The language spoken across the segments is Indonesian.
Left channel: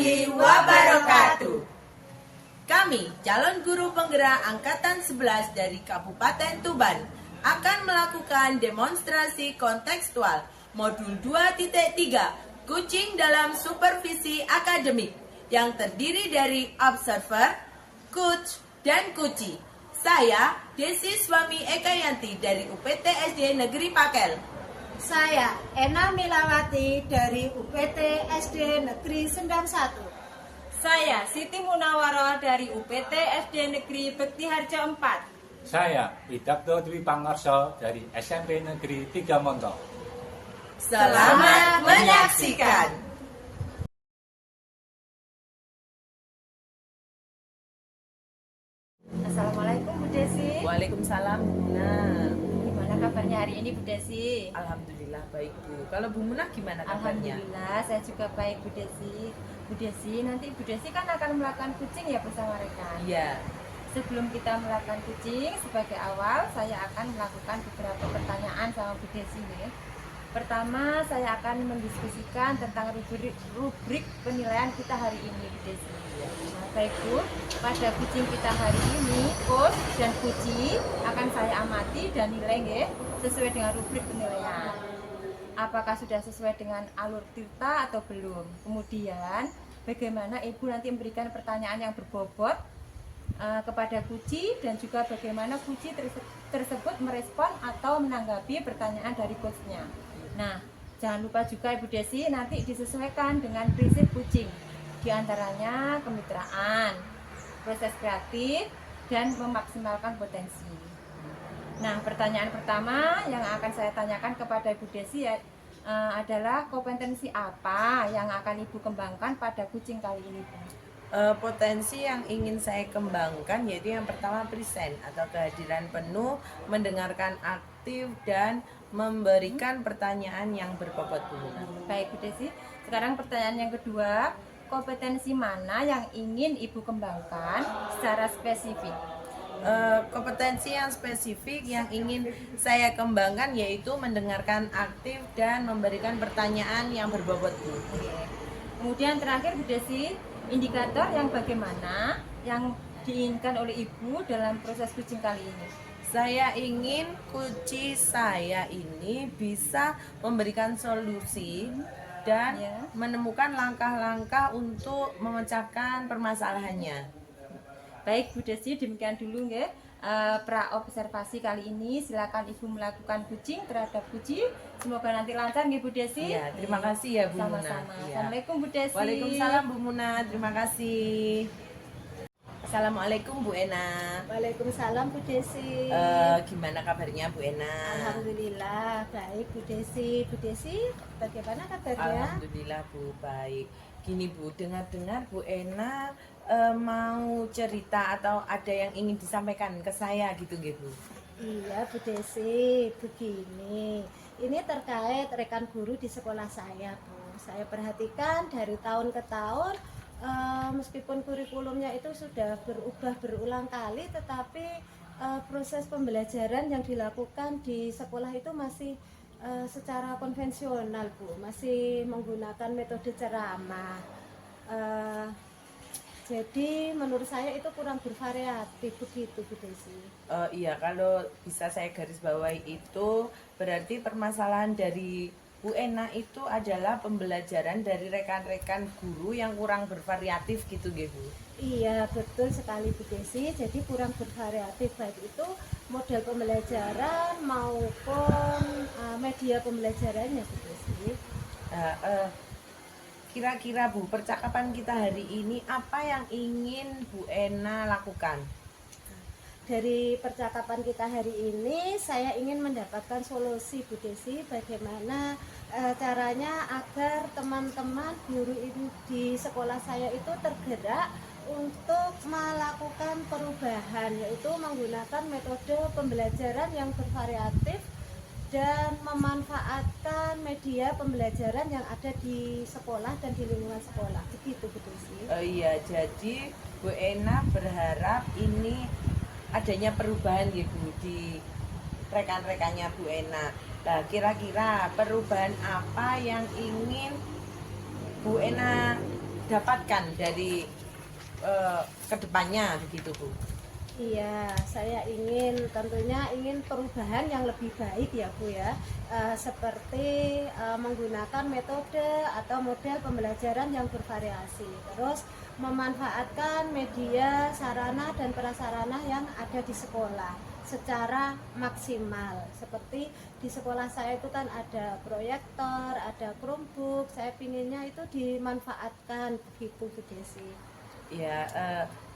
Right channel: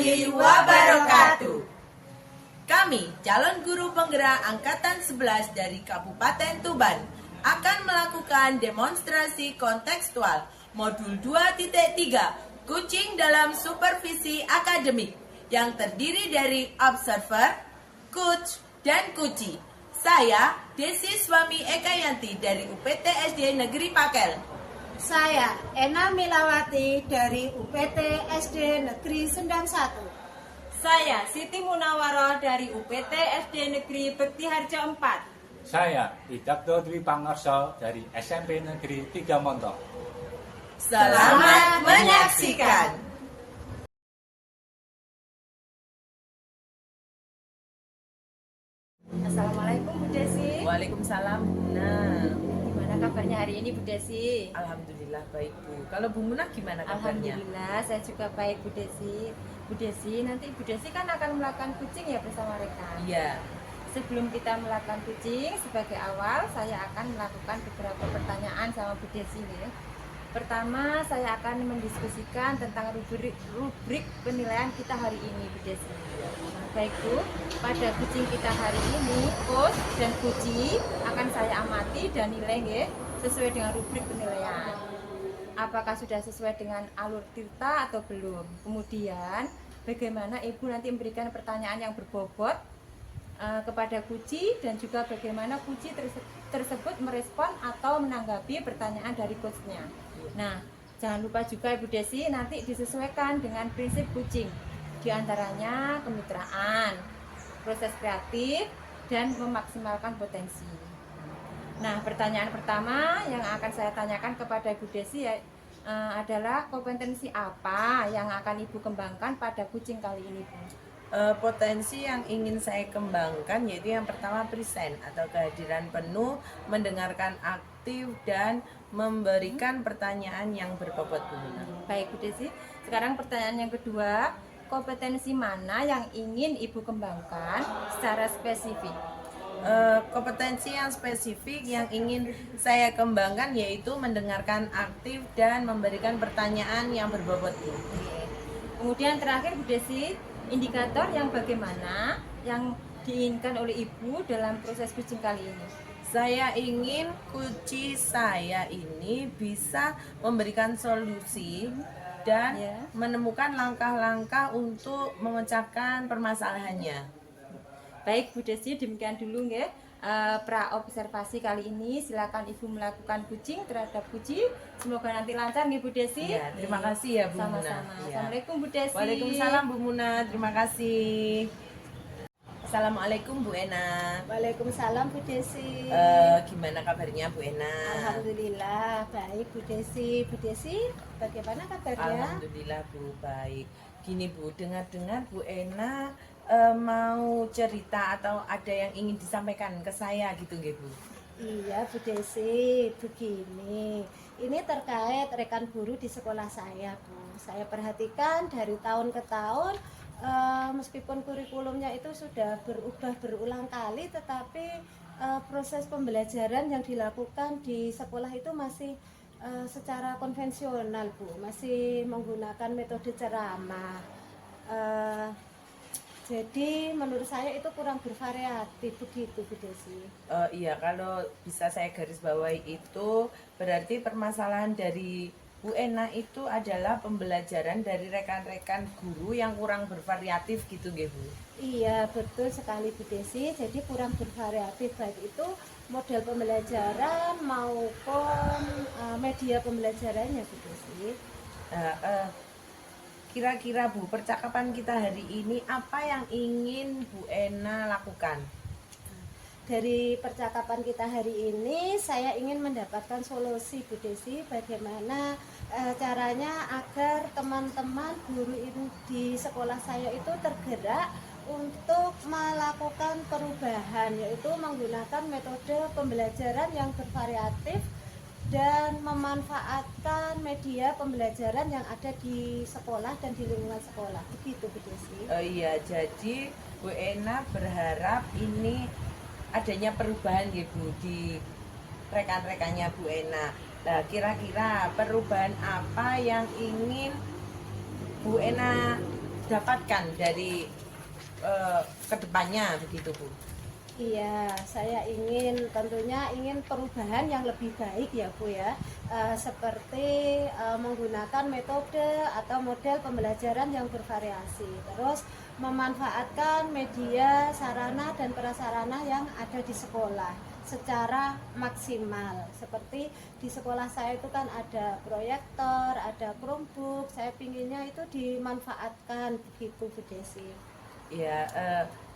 warahmatullahi wabarakatuh. Kami, calon guru penggerak Angkatan 11 dari Kabupaten Tuban, akan melakukan demonstrasi kontekstual Modul 2.3 Kucing dalam Supervisi Akademik yang terdiri dari Observer, Coach, dan Kuci. Saya, Desi Swami Ekayanti dari UPT SD Negeri Pakel. Saya, Ena Milawati dari UPT SD Negeri Sendang 1. Saya, Siti Munawaroh dari UPT SD Negeri Bekti Harjo 4. Saya, Widakdo Dwi Pangarso dari SMP Negeri 3 Montok. Selamat menyaksikan. Assalamualaikum Bu Desi. Waalaikumsalam, Bu Munah. Gimana kabarnya hari ini Bu Desi? Alhamdulillah baik, Bu. Kalau Bu Munah gimana kabarnya? Alhamdulillah saya juga baik Bu Desi. Bu Desi, nanti Bu Desi kan akan melakukan kucing ya bersama rekan. Iya. Sebelum kita melakukan kucing, sebagai awal saya akan melakukan beberapa pertanyaan sama Bu Desi nih. Pertama, saya akan mendiskusikan tentang rubrik penilaian kita hari ini, Bu Desi. Nah, baik Bu, pada kucing kita hari ini, coach dan kuci akan saya amati dan nilai ya, sesuai dengan rubrik penilaian. Apakah sudah sesuai dengan alur cerita atau belum? Kemudian, bagaimana Ibu nanti memberikan pertanyaan yang berbobot kepada kuci dan juga bagaimana kuci tersebut merespon atau menanggapi pertanyaan dari coachnya. Nah, jangan lupa juga Ibu Desi nanti disesuaikan dengan prinsip kucing, diantaranya kemitraan, proses kreatif, dan memaksimalkan potensi. Nah, pertanyaan pertama yang akan saya tanyakan kepada Ibu Desi adalah kompetensi apa yang akan Ibu kembangkan pada kucing kali ini, Bu? Potensi yang ingin saya kembangkan yaitu yang pertama present atau kehadiran penuh, mendengarkan aktif dan memberikan pertanyaan yang berbobot, Bu Munah. Baik Bu Desi, sekarang pertanyaan yang kedua, kompetensi mana yang ingin Ibu kembangkan secara spesifik? Kompetensi yang spesifik yang ingin saya kembangkan yaitu mendengarkan aktif dan memberikan pertanyaan yang berbobot, Bu. Kemudian terakhir Bu Desi, indikator yang bagaimana yang diinginkan oleh Ibu dalam proses kucing kali ini? Saya ingin kuci saya ini bisa memberikan solusi dan menemukan langkah-langkah untuk memecahkan permasalahannya. Baik Bu Desi, demikian dulu ya pra observasi kali ini. Silakan Ibu melakukan kucing terhadap kuci. Semoga nanti lancar nih Bu Desi. Iya, terima kasih ya Bu Munah. Sama-sama. Ya. Assalamualaikum Bu Desi. Waalaikumsalam Bu Munah, terima kasih. Assalamualaikum Bu Ena. Waalaikumsalam Bu Desi. Gimana kabarnya Bu Ena? Alhamdulillah baik Bu Desi. Bu Desi, bagaimana kabarnya? Alhamdulillah Bu, baik. Gini Bu, dengar-dengar Bu Ena mau cerita atau ada yang ingin disampaikan ke saya gitu nggih Bu? Iya Bu Desi, begini. Ini terkait rekan guru di sekolah saya Bu. Saya perhatikan dari tahun ke tahun, meskipun kurikulumnya itu sudah berubah berulang kali, tetapi proses pembelajaran yang dilakukan di sekolah itu masih secara konvensional Bu, masih menggunakan metode ceramah. Jadi menurut saya itu kurang bervariatif begitu Bu Desi. Iya, kalau bisa saya garis bawahi itu berarti permasalahan dari Bu Ena itu adalah pembelajaran dari rekan-rekan guru yang kurang bervariatif gitu nggih Bu? Iya betul sekali Bu Desi, jadi kurang bervariatif baik itu model pembelajaran maupun media pembelajarannya Bu Desi. Kira-kira Bu, percakapan kita hari ini apa yang ingin Bu Ena lakukan? Dari percakapan kita hari ini saya ingin mendapatkan solusi Bu Desi, bagaimana caranya agar teman-teman guru ini di sekolah saya itu tergerak untuk melakukan perubahan, yaitu menggunakan metode pembelajaran yang bervariatif dan memanfaatkan media pembelajaran yang ada di sekolah dan di lingkungan sekolah. Begitu Bu Desi. Iya, jadi Bu Ena berharap ini adanya perubahan ya Bu di rekan-rekannya Bu Ena. Nah, kira-kira perubahan apa yang ingin Bu Ena dapatkan dari kedepannya begitu Bu? Iya, saya tentunya ingin perubahan yang lebih baik ya Bu ya. Seperti menggunakan metode atau model pembelajaran yang bervariasi. Terus memanfaatkan media, sarana dan prasarana yang ada di sekolah secara maksimal. Seperti di sekolah saya itu kan ada proyektor, ada Chromebook. Saya pinginnya itu dimanfaatkan begitu Bu Desi. Ya,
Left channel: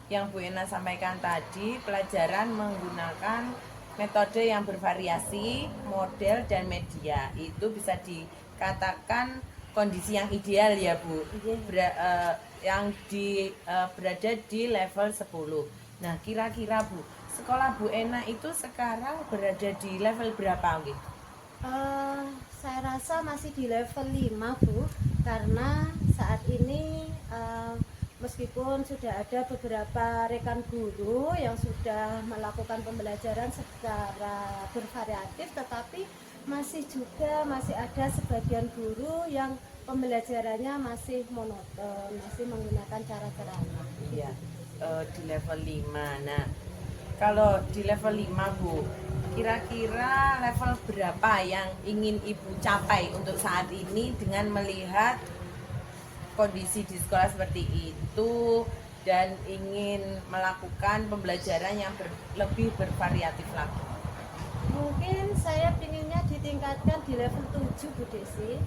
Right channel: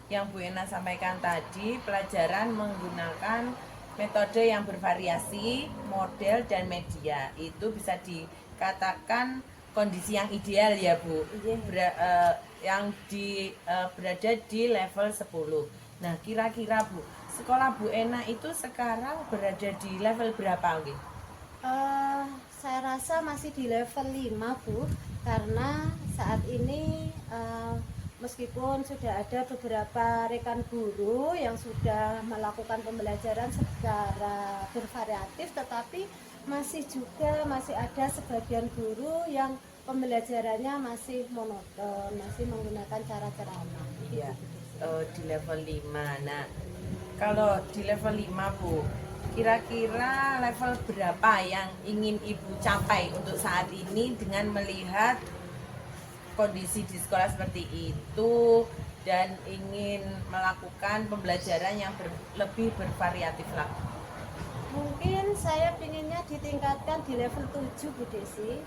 yang Bu Ena sampaikan tadi, pelajaran menggunakan metode yang bervariasi, model dan media. Itu bisa dikatakan kondisi yang ideal ya Bu. Yang berada di level 10. Nah, kira-kira Bu, sekolah Bu Ena itu sekarang berada di level berapa nggih? Saya rasa masih di level 5 Bu, karena saat ini meskipun sudah ada beberapa rekan guru yang sudah melakukan pembelajaran secara bervariatif, tetapi masih ada sebagian guru yang pembelajarannya masih monoton, masih menggunakan cara ceramah. Ya, di level 5. Nah, kalau di level 5 Bu, kira-kira level berapa yang ingin Ibu capai untuk saat ini dengan melihat kondisi di sekolah seperti itu dan ingin melakukan pembelajaran yang lebih bervariatif lagi? Mungkin saya pinginnya ditingkatkan di level 7 Bu Desi.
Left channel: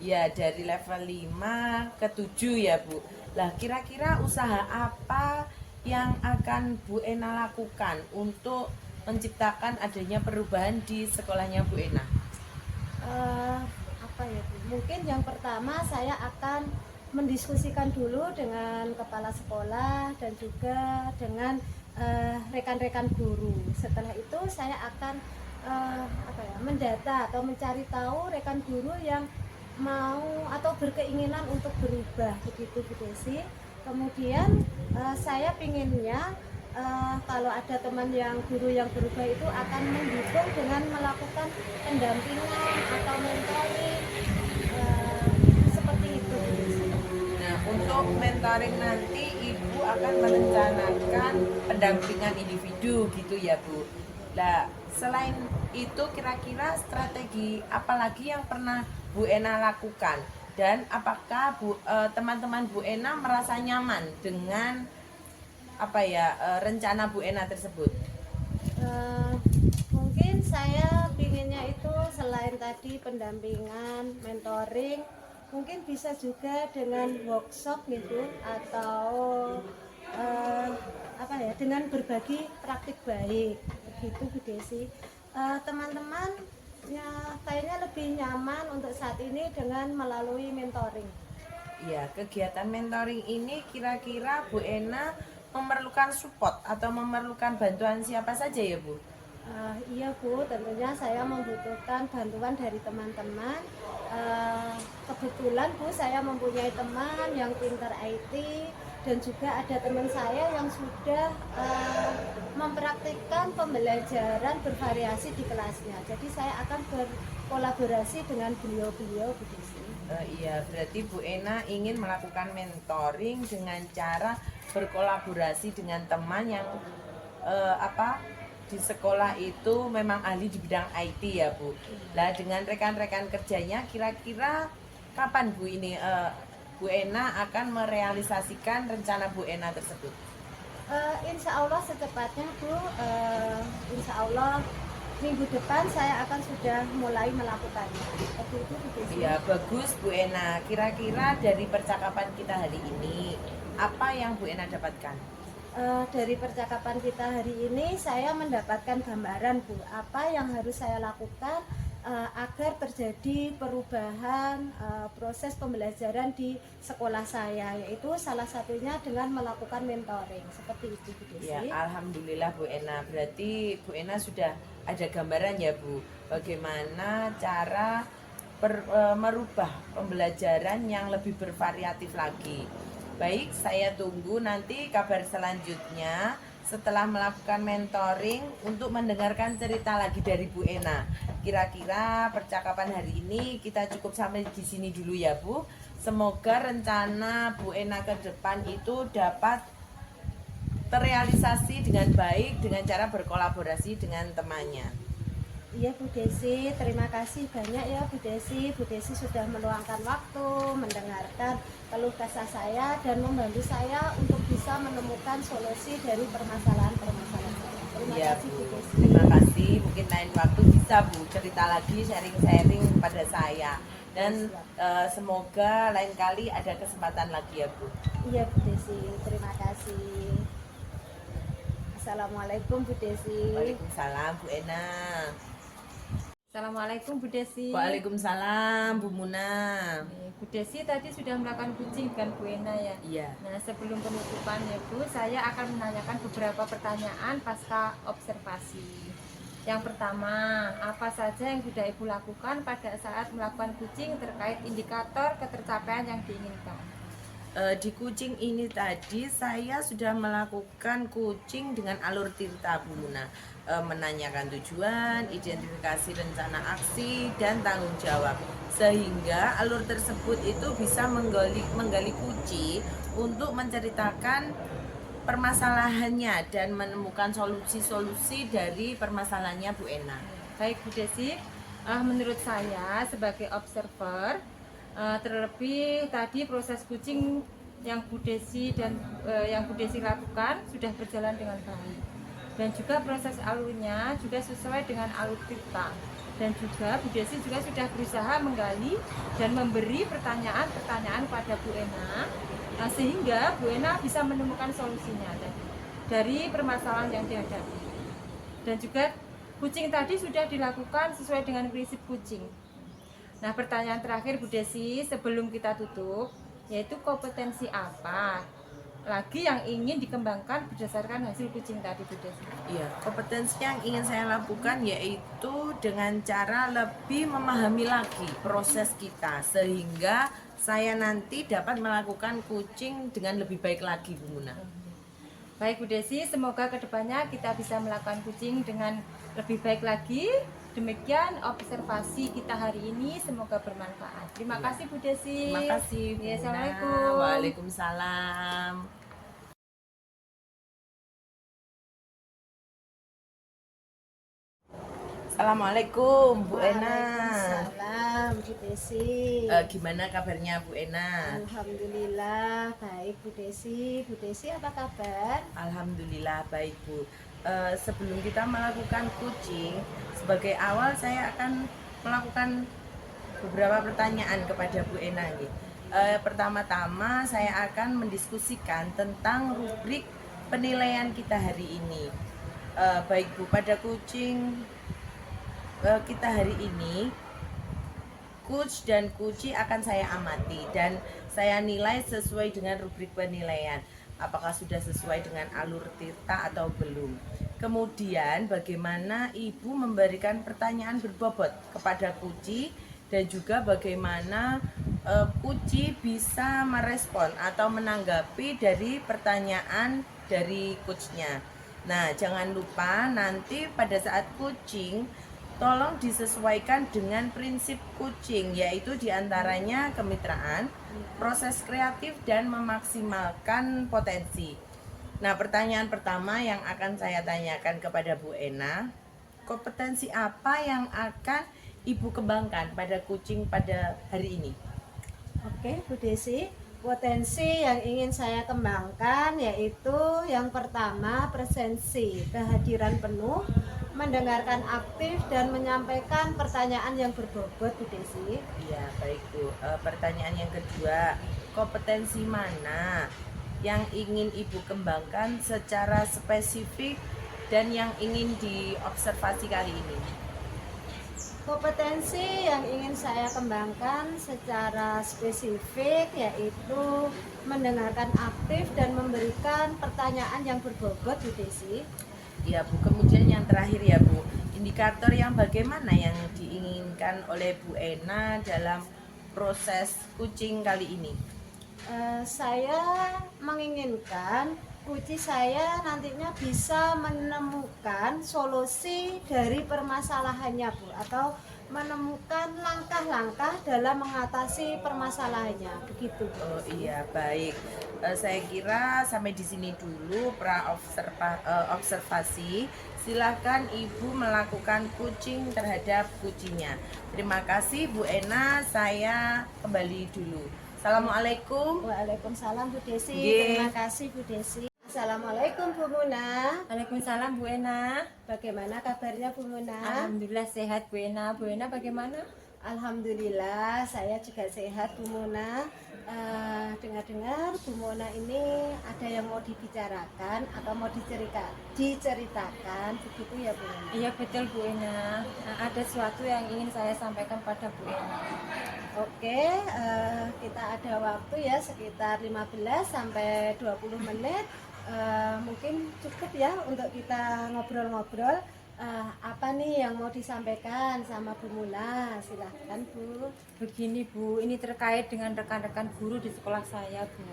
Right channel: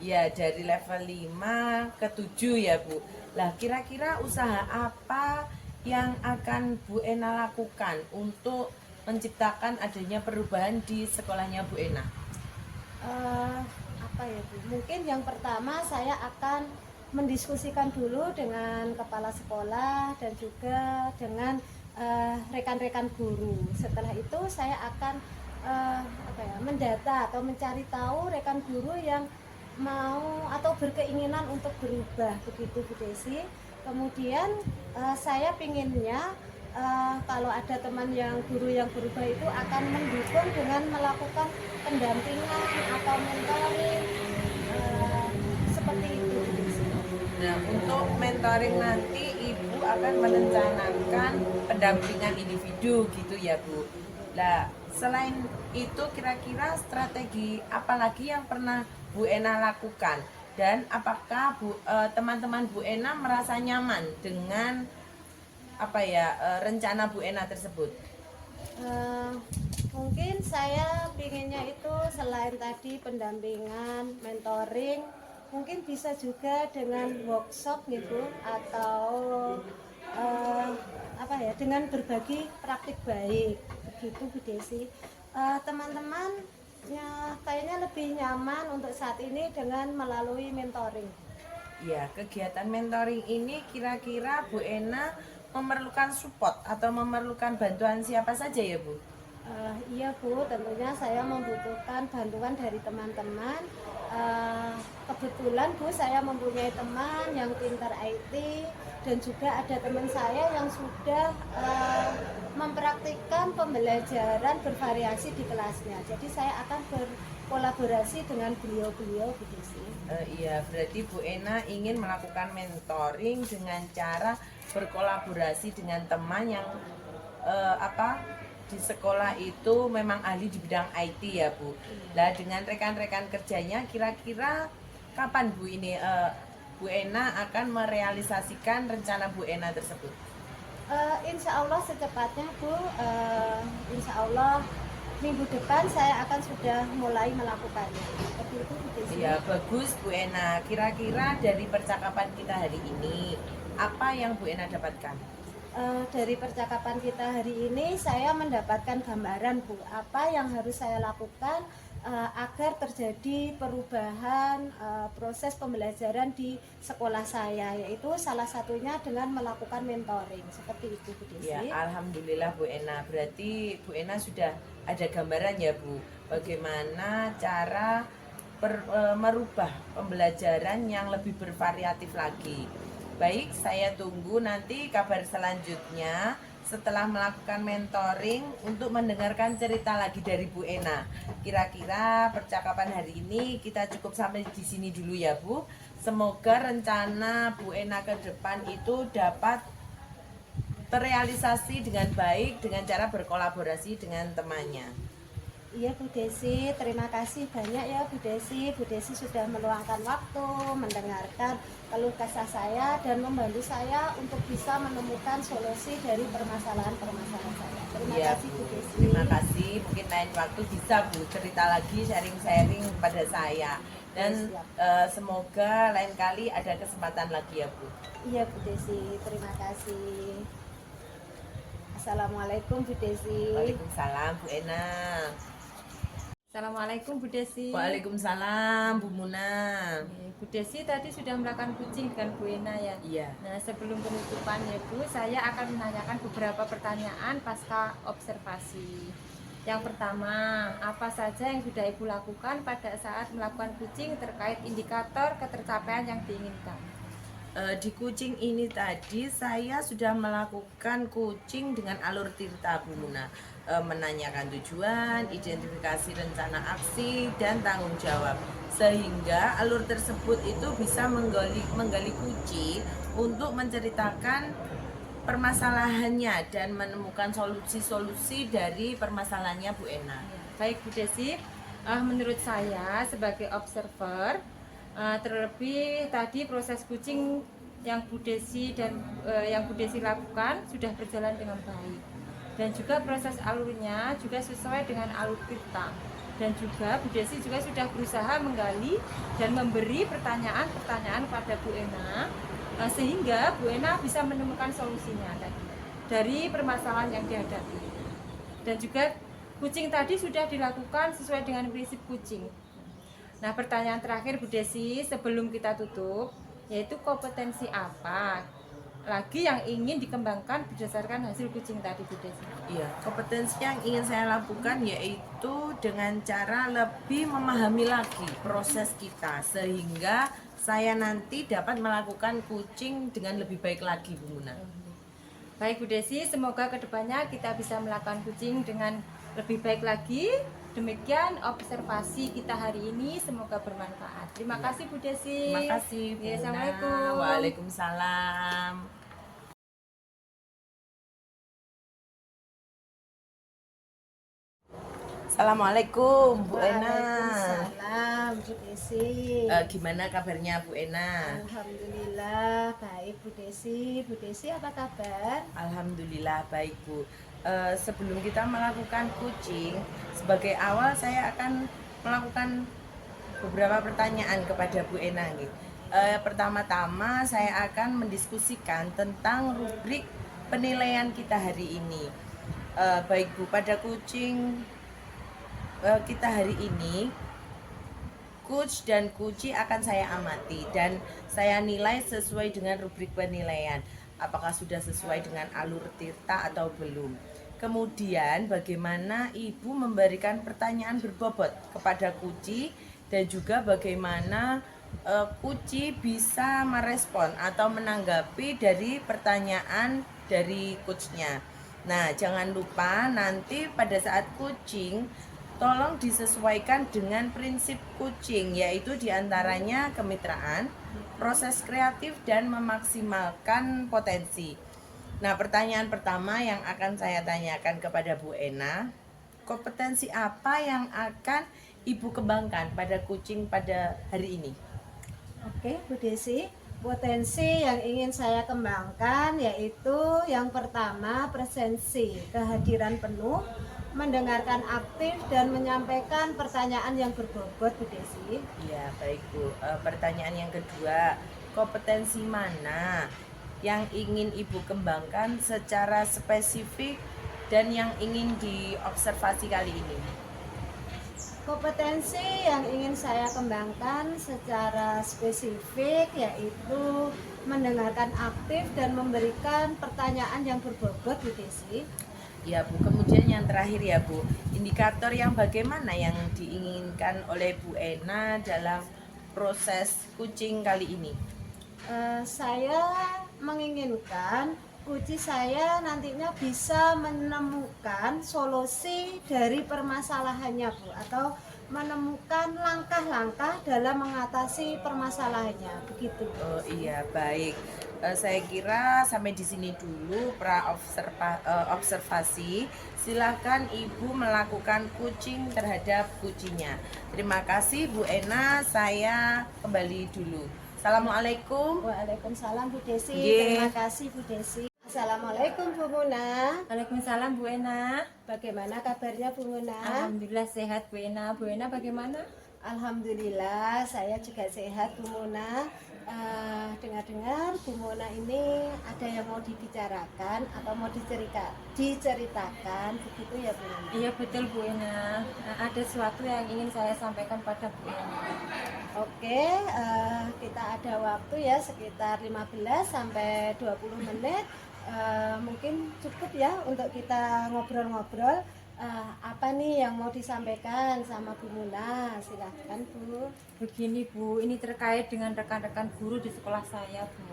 Ya, dari level 5 ke 7 ya Bu. Lah, kira-kira usaha apa yang akan Bu Ena lakukan untuk menciptakan adanya perubahan di sekolahnya Bu Ena? Apa ya Bu? Mungkin yang pertama saya akan mendiskusikan dulu dengan kepala sekolah dan juga dengan rekan-rekan guru. Setelah itu saya akan mendata atau mencari tahu rekan guru yang mau atau berkeinginan untuk berubah begitu Bu Desi. Kemudian saya pinginnya kalau ada teman guru yang berubah itu akan mendukung dengan melakukan pendampingan atau mentoring seperti itu Bu Desi. Nah, untuk mentoring nanti Ibu akan merencanakan pendampingan individu gitu ya Bu. Nah, selain itu kira-kira strategi apa lagi yang pernah Bu Ena lakukan? Dan apakah teman-teman Bu Ena merasa nyaman dengan rencana Bu Ena tersebut? Mungkin saya pinginnya itu selain tadi pendampingan, mentoring, mungkin bisa juga dengan workshop gitu atau dengan berbagi praktik baik begitu Bu Desi. Teman-teman kayaknya lebih nyaman untuk saat ini dengan melalui mentoring. Ya, kegiatan mentoring ini kira-kira Bu Ena memerlukan support atau memerlukan bantuan siapa saja ya Bu? Iya Bu, tentunya saya membutuhkan bantuan dari teman-teman. Kebetulan Bu, saya mempunyai teman yang pintar IT dan juga ada teman saya yang sudah mempraktikkan pembelajaran bervariasi di kelasnya. Jadi saya akan berkolaborasi dengan beliau-beliau Bu Desi. Iya, berarti Bu Ena ingin melakukan mentoring dengan cara berkolaborasi dengan teman yang di sekolah itu memang ahli di bidang IT ya Bu. Lah, dengan rekan-rekan kerjanya kira-kira kapan Bu ini Bu Ena akan merealisasikan rencana Bu Ena tersebut? Insya Allah secepatnya Bu, Insya Allah minggu depan saya akan sudah mulai melakukannya. Seperti itu Bu. Ya, bagus Bu Ena. Kira-kira dari percakapan kita hari ini apa yang Bu Ena dapatkan? Dari percakapan kita hari ini saya mendapatkan gambaran Bu, apa yang harus saya lakukan agar terjadi perubahan proses pembelajaran di sekolah saya, yaitu salah satunya dengan melakukan mentoring seperti itu Bu Desi. Ya, alhamdulillah Bu Ena. Berarti Bu Ena sudah ada gambaran ya Bu, bagaimana cara merubah pembelajaran yang lebih bervariatif lagi. Baik, saya tunggu nanti kabar selanjutnya setelah melakukan mentoring untuk mendengarkan cerita lagi dari Bu Ena. Kira-kira percakapan hari ini kita cukup sampai di sini dulu ya Bu. Semoga rencana Bu Ena ke depan itu dapat terrealisasi dengan baik dengan cara berkolaborasi dengan temannya. Iya Bu Desi, terima kasih banyak ya Bu Desi. Bu Desi sudah meluangkan waktu, mendengarkan keluh kesah saya dan membantu saya untuk bisa menemukan solusi dari permasalahan-permasalahan saya. Terima Iya, kasih Bu Desi. Terima kasih. Mungkin lain waktu bisa Bu cerita lagi, sharing-sharing pada saya. Dan semoga lain kali ada kesempatan lagi ya Bu. Iya Bu Desi, terima kasih. Assalamualaikum Bu Desi. Waalaikumsalam Bu Ena. Assalamualaikum Bu Desi. Waalaikumsalam Bu Muna. Bu Desi tadi sudah melakukan kucing kan Bu Ena ya? Iya. Nah sebelum penutupan ya Bu, saya akan menanyakan beberapa pertanyaan pasca observasi. Yang pertama, apa saja yang sudah Ibu lakukan pada saat melakukan kucing terkait indikator ketercapaian yang diinginkan? Di kucing ini tadi saya sudah melakukan kucing dengan alur tirta Bu Muna. Menanyakan tujuan, identifikasi rencana aksi, dan tanggung jawab. Sehingga alur tersebut itu bisa menggali kucing untuk menceritakan permasalahannya dan menemukan solusi-solusi dari permasalahannya Bu Ena. Baik Bu Desi, menurut saya sebagai observer, terlebih tadi proses kucing yang Bu Desi lakukan sudah berjalan dengan baik, dan juga proses alurnya juga sesuai dengan alur kita, dan juga Bu Desi juga sudah berusaha menggali dan memberi pertanyaan-pertanyaan pada Bu Ena, sehingga Bu Ena bisa menemukan solusinya dari permasalahan yang dihadapi. Dan juga kucing tadi sudah dilakukan sesuai dengan prinsip kucing. Nah, pertanyaan terakhir Bu Desi sebelum kita tutup, yaitu kompetensi apa lagi yang ingin dikembangkan berdasarkan hasil kucing tadi Bu Desi? Iya, kompetensi yang ingin saya lakukan yaitu dengan cara lebih memahami lagi proses kita sehingga saya nanti dapat melakukan kucing dengan lebih baik lagi Bu Muna. Baik Bu Desi, semoga kedepannya kita bisa melakukan kucing dengan lebih baik lagi. Demikian observasi kita hari ini, semoga bermanfaat. Terima kasih Bu Desi. Terima kasih Bu Ya, Muna. Assalamualaikum. Waalaikumsalam. Assalamualaikum Bu Ena. Waalaikumsalam Bu Desi. Gimana kabarnya Bu Ena? Alhamdulillah baik Bu Desi. Bu Desi apa kabar? Alhamdulillah baik Bu. Sebelum kita melakukan kucing, sebagai awal saya akan melakukan beberapa pertanyaan kepada Bu Ena nih. Pertama-tama saya akan mendiskusikan tentang rubrik penilaian kita hari ini. Baik Bu, pada kucing kita hari ini, coach dan kuci akan saya amati dan saya nilai sesuai dengan rubrik penilaian. Apakah sudah sesuai dengan alur tirta atau belum. Kemudian bagaimana Ibu memberikan pertanyaan berbobot kepada kuci dan juga bagaimana kuci bisa merespon atau menanggapi dari pertanyaan dari coachnya. Nah, jangan lupa nanti pada saat kucing tolong disesuaikan dengan prinsip kucing, yaitu diantaranya kemitraan, proses kreatif, dan memaksimalkan potensi. Nah, pertanyaan pertama yang akan saya tanyakan kepada Bu Ena, kompetensi apa yang akan Ibu kembangkan pada kucing pada hari ini? Oke Bu Desi, potensi yang ingin saya kembangkan yaitu yang pertama presensi, kehadiran penuh, mendengarkan aktif dan menyampaikan pertanyaan yang berbobot Bu Desi. Iya, baik Bu. Pertanyaan yang kedua, kompetensi mana yang ingin Ibu kembangkan secara spesifik dan yang ingin diobservasi kali ini? Kompetensi yang ingin saya kembangkan secara spesifik yaitu mendengarkan aktif dan memberikan pertanyaan yang berbobot Bu Desi. Ya Bu, kemudian yang terakhir ya Bu, indikator yang bagaimana yang diinginkan oleh Bu Ena dalam proses kucing kali ini? Saya menginginkan kucing saya nantinya bisa menemukan solusi dari permasalahannya Bu, atau menemukan langkah-langkah dalam mengatasi permasalahannya, begitu. Oh iya, baik. Saya kira sampai di sini dulu observasi. Silahkan Ibu melakukan coaching terhadap kucingnya. Terima kasih Bu Ena, saya kembali dulu. Assalamualaikum. Waalaikumsalam Bu Desi. Nggih. Terima kasih Bu Desi. Assalamualaikum Bu Muna. Waalaikumsalam Bu Ena. Bagaimana kabarnya Bu Muna? Alhamdulillah sehat Bu Ena. Bu Ena bagaimana? Alhamdulillah saya juga sehat Bu Muna. Dengar-dengar Bu Muna ini ada yang mau dibicarakan atau mau diceritakan begitu ya Bu Muna? Iya betul Bu Ena. Ada sesuatu yang ingin saya sampaikan pada Bu Ena. Oke, kita ada waktu ya sekitar 15 sampai 20 menit. Mungkin cukup ya untuk kita ngobrol-ngobrol. Apa nih yang mau disampaikan sama Bu Muna? Silahkan Bu. Begini Bu, ini terkait dengan rekan-rekan guru di sekolah saya Bu.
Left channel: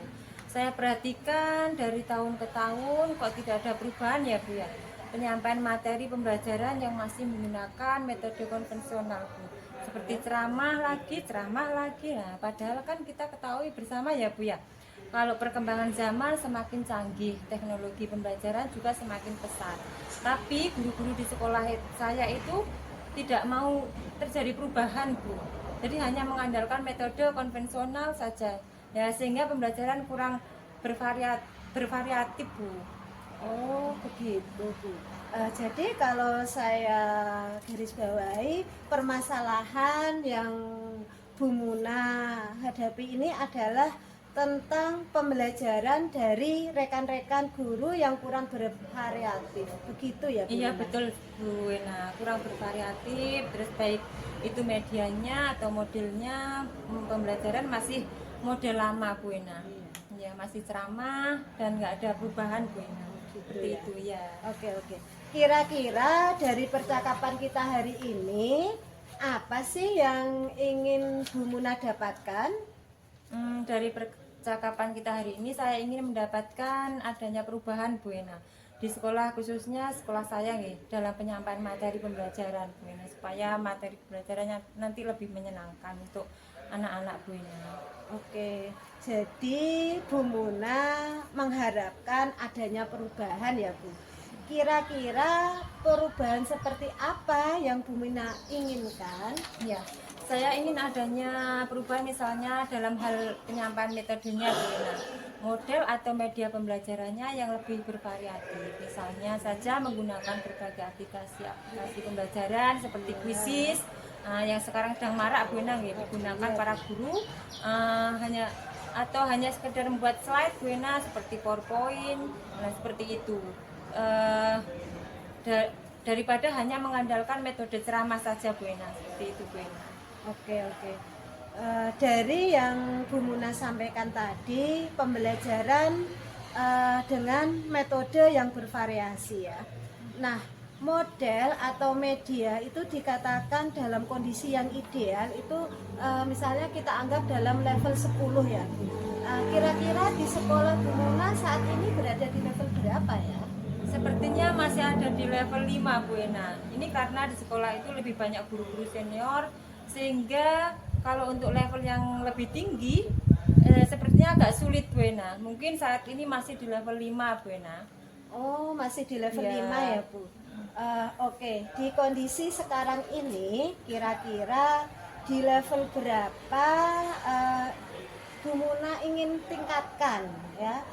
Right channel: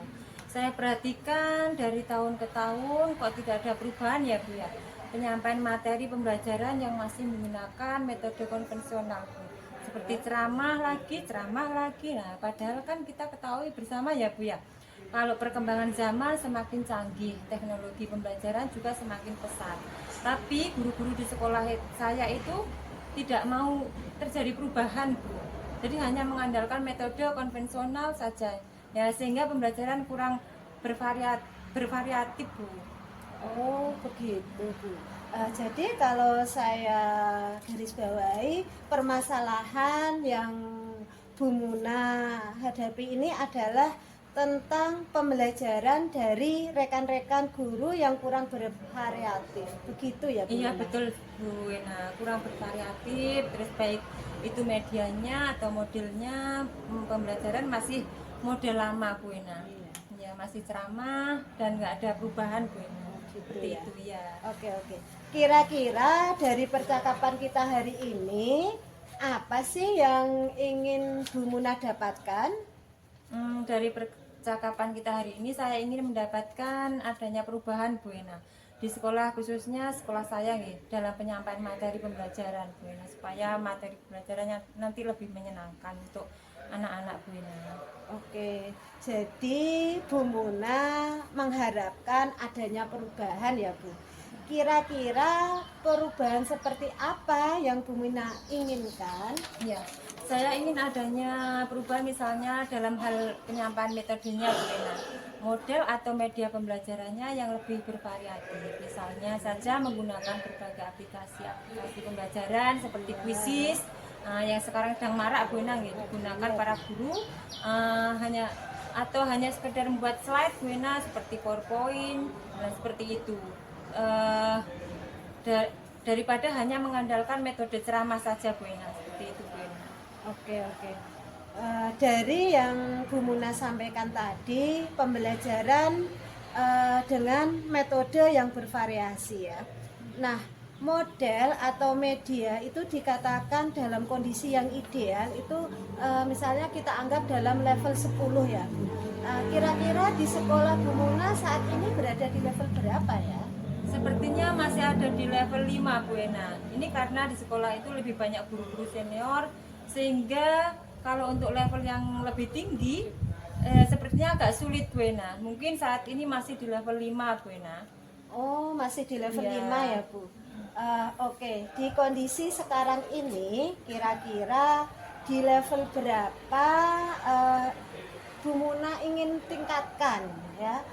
Saya perhatikan dari tahun ke tahun kok tidak ada perubahan ya Bu ya. Penyampaian materi pembelajaran yang masih menggunakan metode konvensional Bu. Seperti ceramah lagi. Nah, padahal kan kita ketahui bersama ya Bu ya. Kalau perkembangan zaman semakin canggih, teknologi pembelajaran juga semakin pesat. Tapi guru-guru di sekolah saya itu tidak mau terjadi perubahan Bu. Jadi hanya mengandalkan metode konvensional saja. Ya sehingga pembelajaran kurang bervariatif Bu. Oh begitu Bu. Jadi kalau saya garis bawahi permasalahan yang Bu Muna hadapi ini adalah tentang pembelajaran dari rekan-rekan guru yang kurang bervariatif, begitu ya Bu? Iya Muna? betul Bu. Nah kurang bervariatif, terus baik itu medianya atau modelnya pembelajaran masih model lama Bu Ena. Ya masih ceramah dan nggak ada perubahan Bu Ena. Seperti ya. itu ya. Oke. Kira-kira dari percakapan kita hari ini apa sih yang ingin Bu Muna dapatkan? Dari percakapan kita hari ini saya ingin mendapatkan adanya perubahan Bu Ena di sekolah, khususnya sekolah saya nih, dalam penyampaian materi pembelajaran Bu Ena, supaya materi pembelajarannya nanti lebih menyenangkan untuk anak-anak Bu Ena. Oke, jadi Bu Muna mengharapkan adanya perubahan ya Bu. Kira-kira perubahan seperti apa yang Bu Muna inginkan? Ya, saya ingin adanya perubahan misalnya dalam hal penyampaian metodenya Bu Ena. Model atau media pembelajarannya yang lebih bervariatif. Misalnya saja menggunakan berbagai aplikasi pembelajaran seperti Quizzes yang sekarang sedang marak Bu Ena digunakan para guru hanya sekedar membuat slide Bu Ena seperti PowerPoint dan seperti itu. Daripada hanya mengandalkan metode ceramah saja Bu Ena, seperti itu Bu Ena. Oke. Dari yang Bu Muna sampaikan tadi, pembelajaran dengan metode yang bervariasi ya. Nah, model atau media itu dikatakan dalam kondisi yang ideal itu misalnya kita anggap dalam level 10 ya. Kira-kira di sekolah Bu Muna saat ini berada di level berapa ya? Sepertinya masih ada di level 5 Bu Ena. Ini karena di sekolah itu lebih banyak guru-guru senior, sehingga kalau untuk level yang lebih tinggi sepertinya agak sulit Bu Ena. Mungkin saat ini masih di level 5 Bu Ena. Oh, masih di level Ya. 5 ya Bu. Oke, di kondisi sekarang ini kira-kira di level berapa Bu Muna ingin tingkatkan ya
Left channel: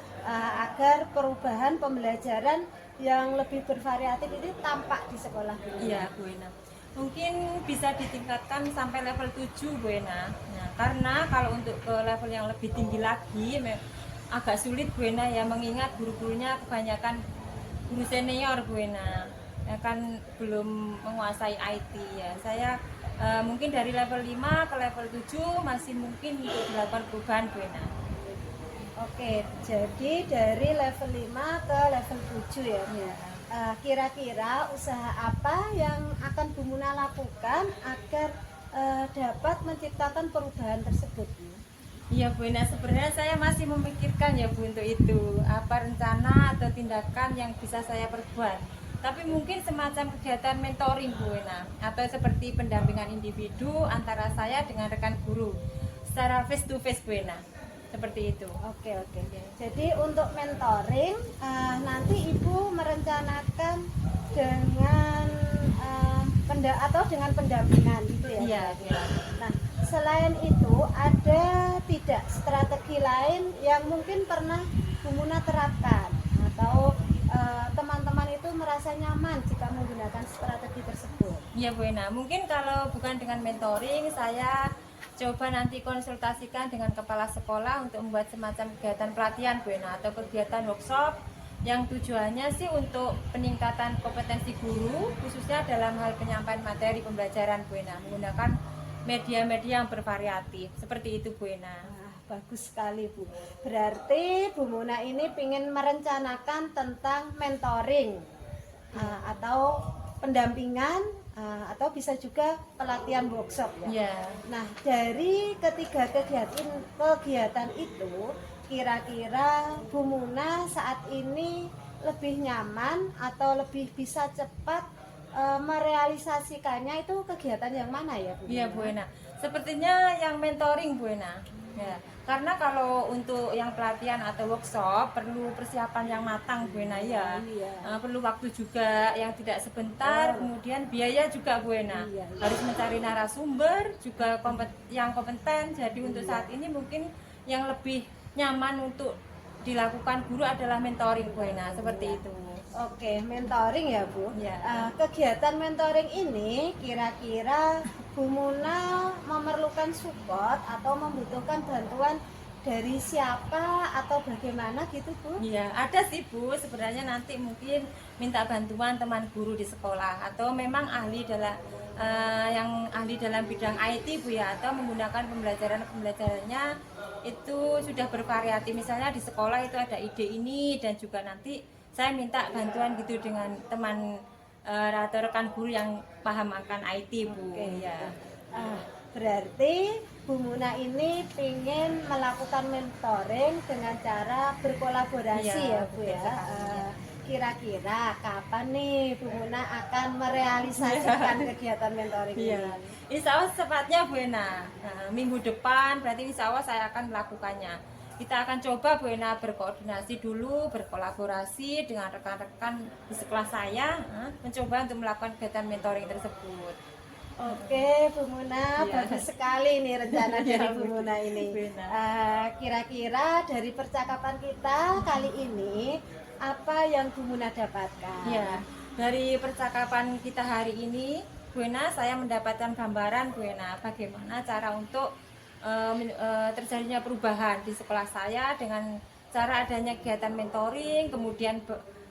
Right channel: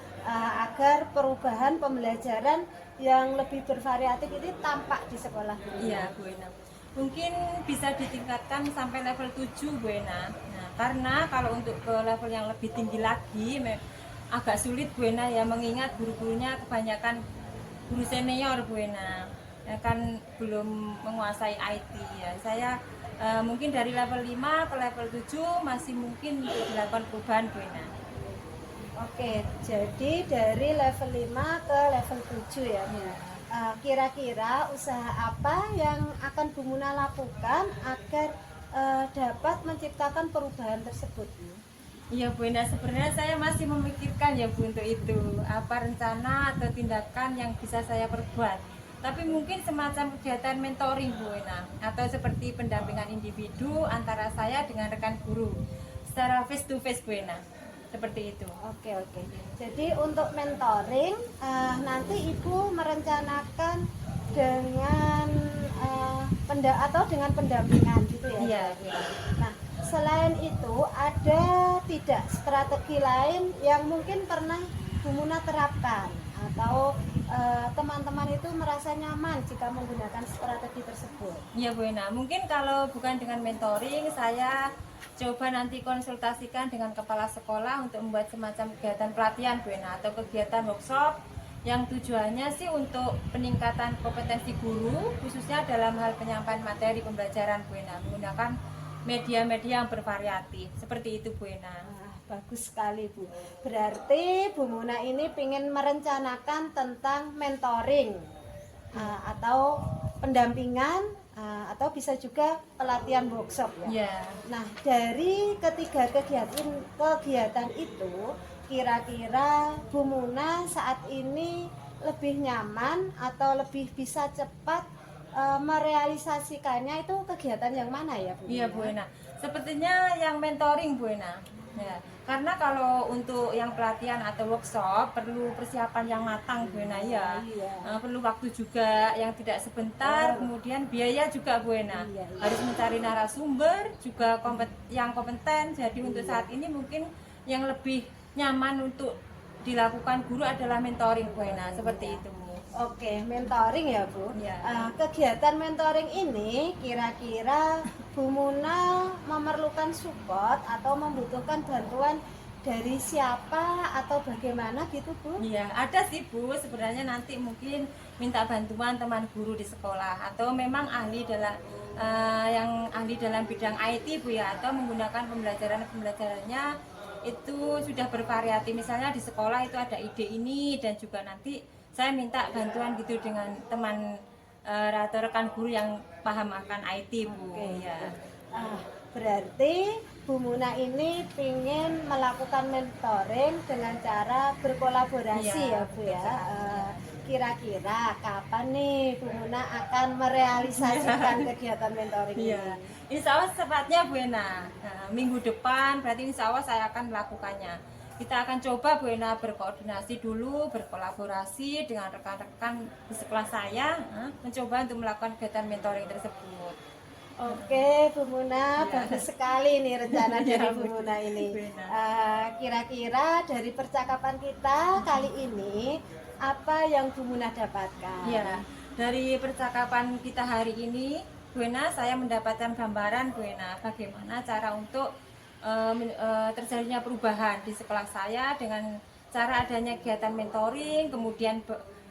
agar perubahan pembelajaran yang lebih bervariatif ini tampak di sekolah Bu Muna? Iya Bu Ena. Mungkin bisa ditingkatkan sampai level 7 Bu Ena. Nah, karena kalau untuk ke level yang lebih tinggi lagi agak sulit Bu Ena ya, mengingat guru-gurunya kebanyakan guru senior Bu Ena. Ya, kan belum menguasai IT ya. Saya mungkin dari level 5 ke level 7 masih mungkin untuk dilakukan perubahan Bu Ena. Oke, jadi dari level 5 ke level 7 ya Bu. Kira-kira usaha apa yang akan Bu Muna lakukan agar dapat menciptakan perubahan tersebut Bu? Iya Bu Ena, sebenarnya saya masih memikirkan ya Bu untuk itu, apa rencana atau tindakan yang bisa saya perbuat tapi mungkin semacam kegiatan mentoring Bu Ena, atau seperti pendampingan individu antara saya dengan rekan guru secara face to face Bu Ena, seperti itu. Oke. Jadi untuk mentoring nanti Ibu merencanakan dengan dengan pendampingan gitu ya. Iya. Nah, selain itu ada tidak strategi lain yang mungkin pernah Bu Muna terapkan atau teman-teman itu merasa nyaman jika menggunakan strategi tersebut? Iya Bu Ena, mungkin kalau bukan dengan mentoring, saya coba nanti konsultasikan dengan kepala sekolah untuk membuat semacam kegiatan pelatihan Bu Ena, atau kegiatan workshop yang tujuannya sih untuk peningkatan kompetensi guru, khususnya dalam hal penyampaian materi pembelajaran Bu Ena, menggunakan media-media yang bervariatif, seperti itu Bu Ena. Bagus sekali Bu. Berarti Bu Muna ini ingin merencanakan tentang mentoring atau pendampingan atau bisa juga pelatihan workshop ya. Iya. Nah, dari ketiga kegiatan itu kira-kira Bu Muna saat ini lebih nyaman atau lebih bisa cepat merealisasikannya itu kegiatan yang mana ya Bu? Iya Bu Ena, sepertinya yang mentoring Bu Ena. Ya, karena kalau untuk yang pelatihan atau workshop perlu persiapan yang matang Bu Ena ya. Iya. Perlu waktu juga yang tidak sebentar, kemudian biaya juga Bu Ena. Iya. Harus mencari narasumber juga yang kompeten. Jadi untuk saat ini mungkin yang lebih nyaman untuk dilakukan guru adalah mentoring Bu Ena, seperti itu. Oke, mentoring ya Bu. Ya. Kegiatan mentoring ini kira-kira Bu Muna memerlukan support atau membutuhkan bantuan dari siapa atau bagaimana gitu Bu? Iya, ada sih Bu. Sebenarnya nanti mungkin minta bantuan teman guru di sekolah atau memang ahli dalam yang ahli dalam bidang IT Bu ya, atau menggunakan pembelajarannya itu sudah bervariatif. Misalnya di sekolah itu ada ide ini, dan juga nanti saya minta bantuan gitu dengan teman atau rekan guru yang paham akan IT Bu. Ya. Berarti Bu Muna ini ingin melakukan mentoring dengan cara berkolaborasi Iya, ya Bu ya. Kira-kira kapan nih Bu Muna akan merealisasikan kegiatan mentoring ini? Iya, insya Allah sepatnya Bu Ena. Nah, minggu depan berarti insya Allah saya akan melakukannya. Kita akan coba Bu Ena berkoordinasi dulu, berkolaborasi dengan rekan-rekan di sekolah saya, mencoba untuk melakukan kegiatan mentoring tersebut. Oke Bu Muna, Iya. bagus sekali nih rencana dari Iya, Bu Muna ini. Bu Ena. Kira-kira dari percakapan kita kali ini apa yang Bu Muna dapatkan? Ya, dari percakapan kita hari ini, Bu Ena, saya mendapatkan gambaran Bu Ena bagaimana cara untuk terjadinya perubahan di sekolah saya dengan cara adanya kegiatan mentoring, kemudian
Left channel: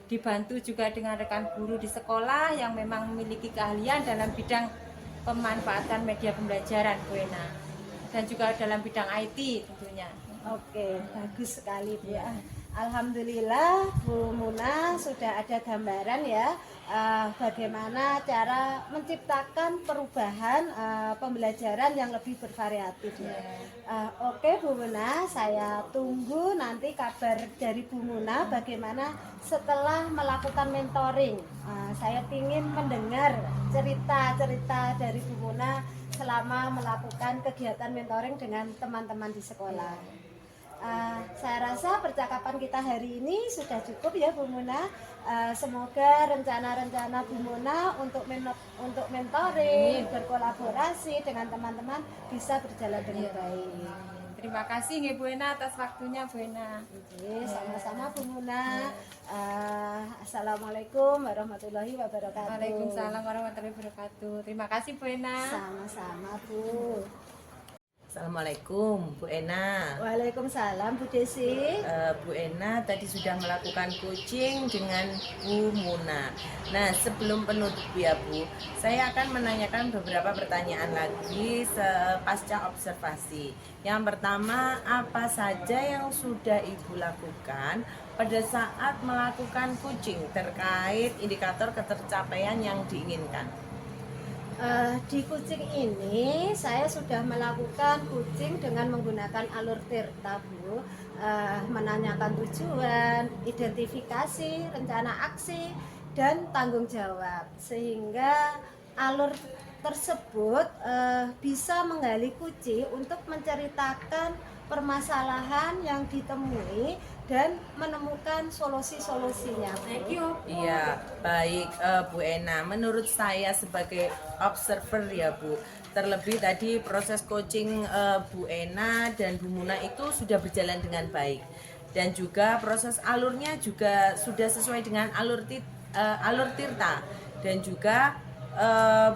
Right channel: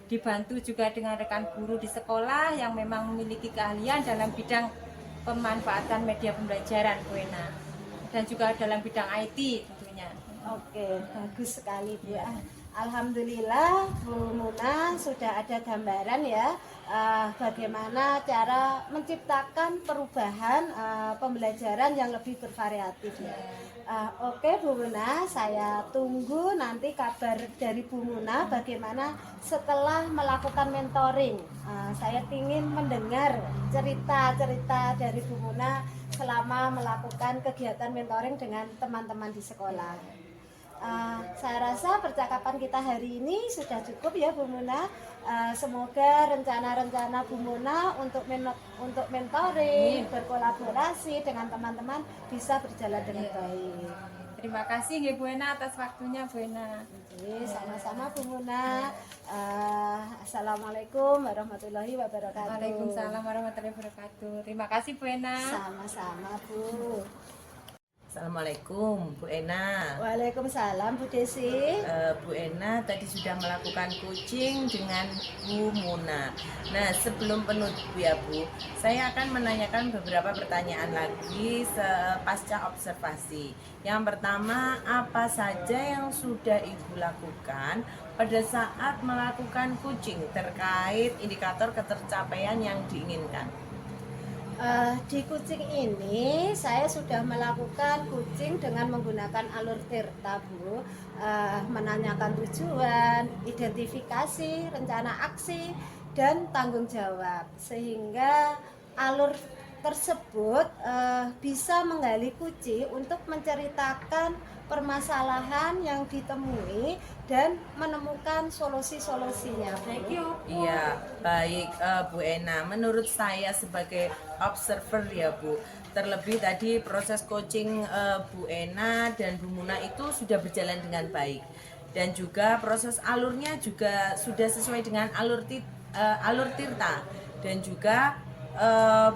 dibantu juga dengan rekan guru di sekolah yang memang memiliki keahlian dalam bidang pemanfaatan media pembelajaran Bu Ena, dan juga dalam bidang IT tentunya. Oke, bagus sekali Bu. Alhamdulillah Bu Muna sudah ada gambaran ya bagaimana cara menciptakan perubahan pembelajaran yang lebih bervariatif ya. Oke Bu Muna, saya tunggu nanti kabar dari Bu Muna bagaimana setelah melakukan mentoring. Saya ingin mendengar cerita-cerita dari Bu Muna selama melakukan kegiatan mentoring dengan teman-teman di sekolah. Saya rasa percakapan kita hari ini sudah cukup ya Bu Muna. Semoga rencana-rencana Bu Muna untuk mentoring, berkolaborasi dengan teman-teman bisa berjalan dengan baik. Terima kasih nggih Bu Ena atas waktunya Bu Ena. Oke, sama-sama Bu Muna. Assalamualaikum warahmatullahi wabarakatuh. Waalaikumsalam warahmatullahi wabarakatuh. Terima kasih Bu Ena. Sama-sama Bu. Assalamualaikum Bu Ena. Waalaikumsalam Bu Desi. Bu Ena tadi sudah melakukan coaching dengan Bu Muna. Nah, sebelum penutup ya Bu, saya akan menanyakan beberapa pertanyaan lagi pasca observasi. Yang pertama, apa saja yang sudah Ibu lakukan pada saat melakukan coaching terkait indikator ketercapaian yang diinginkan? Di coaching ini saya sudah melakukan coaching dengan menggunakan alur Tirta Bu, menanyakan tujuan, identifikasi, rencana aksi, dan tanggung jawab, sehingga alur tersebut bisa menggali kunci untuk menceritakan permasalahan yang ditemui dan menemukan solusi-solusinya. Thank you. Iya, baik Bu Ena. Menurut saya sebagai observer ya Bu, terlebih tadi proses coaching Bu Ena dan Bu Muna itu sudah berjalan dengan baik, dan juga proses alurnya juga sudah sesuai dengan alur Tirta, dan juga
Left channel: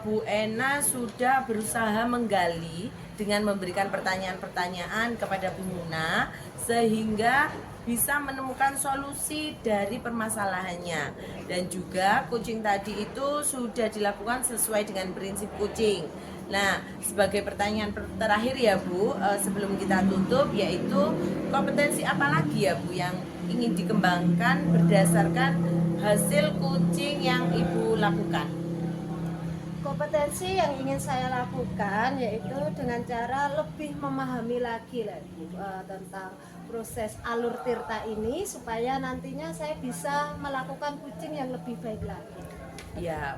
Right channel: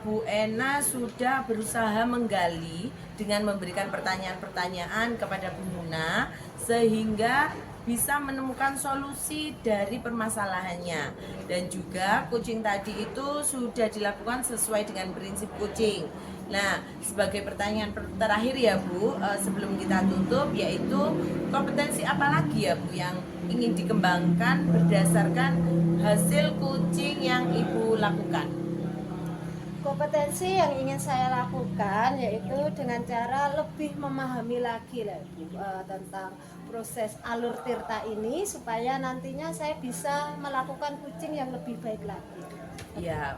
Bu Ena sudah berusaha menggali dengan memberikan pertanyaan-pertanyaan kepada Bu Muna sehingga bisa menemukan solusi dari permasalahannya, dan juga coaching tadi itu sudah dilakukan sesuai dengan prinsip coaching. Nah, sebagai pertanyaan terakhir ya Bu, sebelum kita tutup, yaitu kompetensi apa lagi ya Bu yang ingin dikembangkan berdasarkan hasil coaching yang Ibu lakukan? Kompetensi yang ingin saya lakukan yaitu dengan cara lebih memahami lagi lah Bu, tentang proses alur Tirta ini, supaya nantinya saya bisa melakukan coaching yang lebih baik lagi. Ya,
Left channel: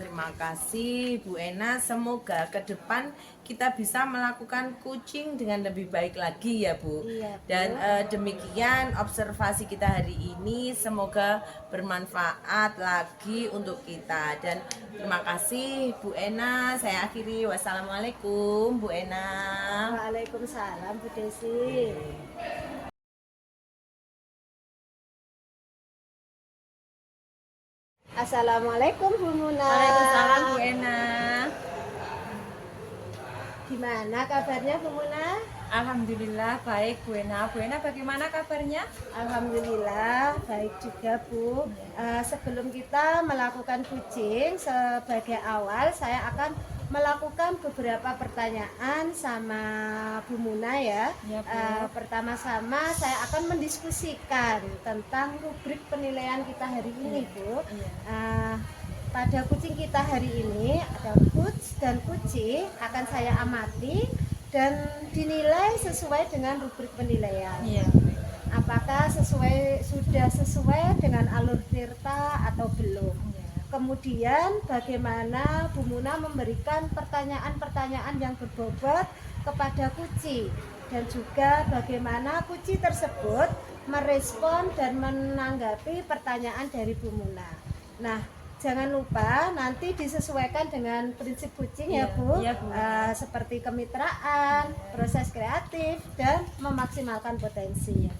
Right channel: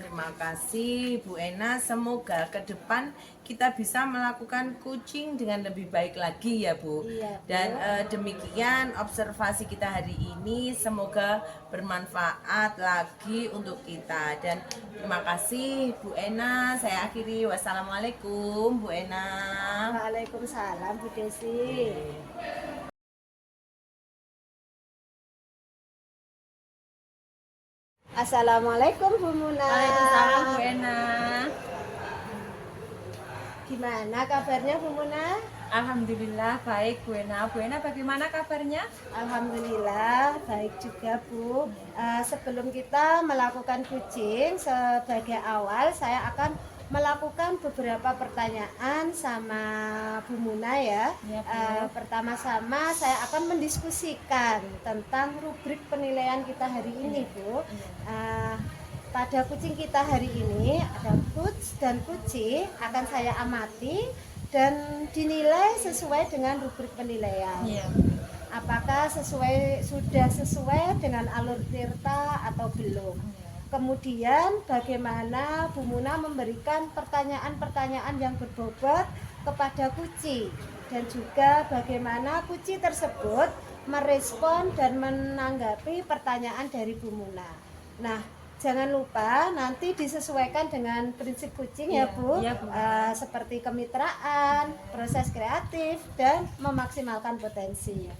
terima kasih Bu Ena. Semoga ke depan kita bisa melakukan coaching dengan lebih baik lagi ya Bu. Iya, Bu. Dan demikian observasi kita hari ini, semoga bermanfaat lagi untuk kita. Dan terima kasih Bu Ena. Saya akhiri, wassalamualaikum Bu Ena. Waalaikumsalam Bu Desi. Assalamualaikum Bu Muna. Waalaikumsalam Bu Ena. Gimana kabarnya Bu Muna? Alhamdulillah baik Bu Ena. Bu Ena bagaimana kabarnya? Alhamdulillah baik juga Bu. Sebelum kita melakukan coaching, sebagai awal saya akan melakukan beberapa pertanyaan sama Bu Muna ya. Iya, Bu. Pertama-sama saya akan mendiskusikan tentang rubrik penilaian kita hari ini Bu. Pada coaching kita hari ini ada coach dan coachee akan saya amati dan dinilai sesuai dengan rubrik penilaian. Iya. Apakah sudah sesuai dengan alur Tirta atau belum? Kemudian bagaimana Bu Muna memberikan pertanyaan-pertanyaan yang berbobot kepada coachee, dan juga bagaimana coachee tersebut merespon dan menanggapi pertanyaan dari Bu Muna. Nah, jangan lupa nanti disesuaikan dengan prinsip coaching ya Bu, Iya, Bu. seperti kemitraan, proses kreatif, dan memaksimalkan potensi.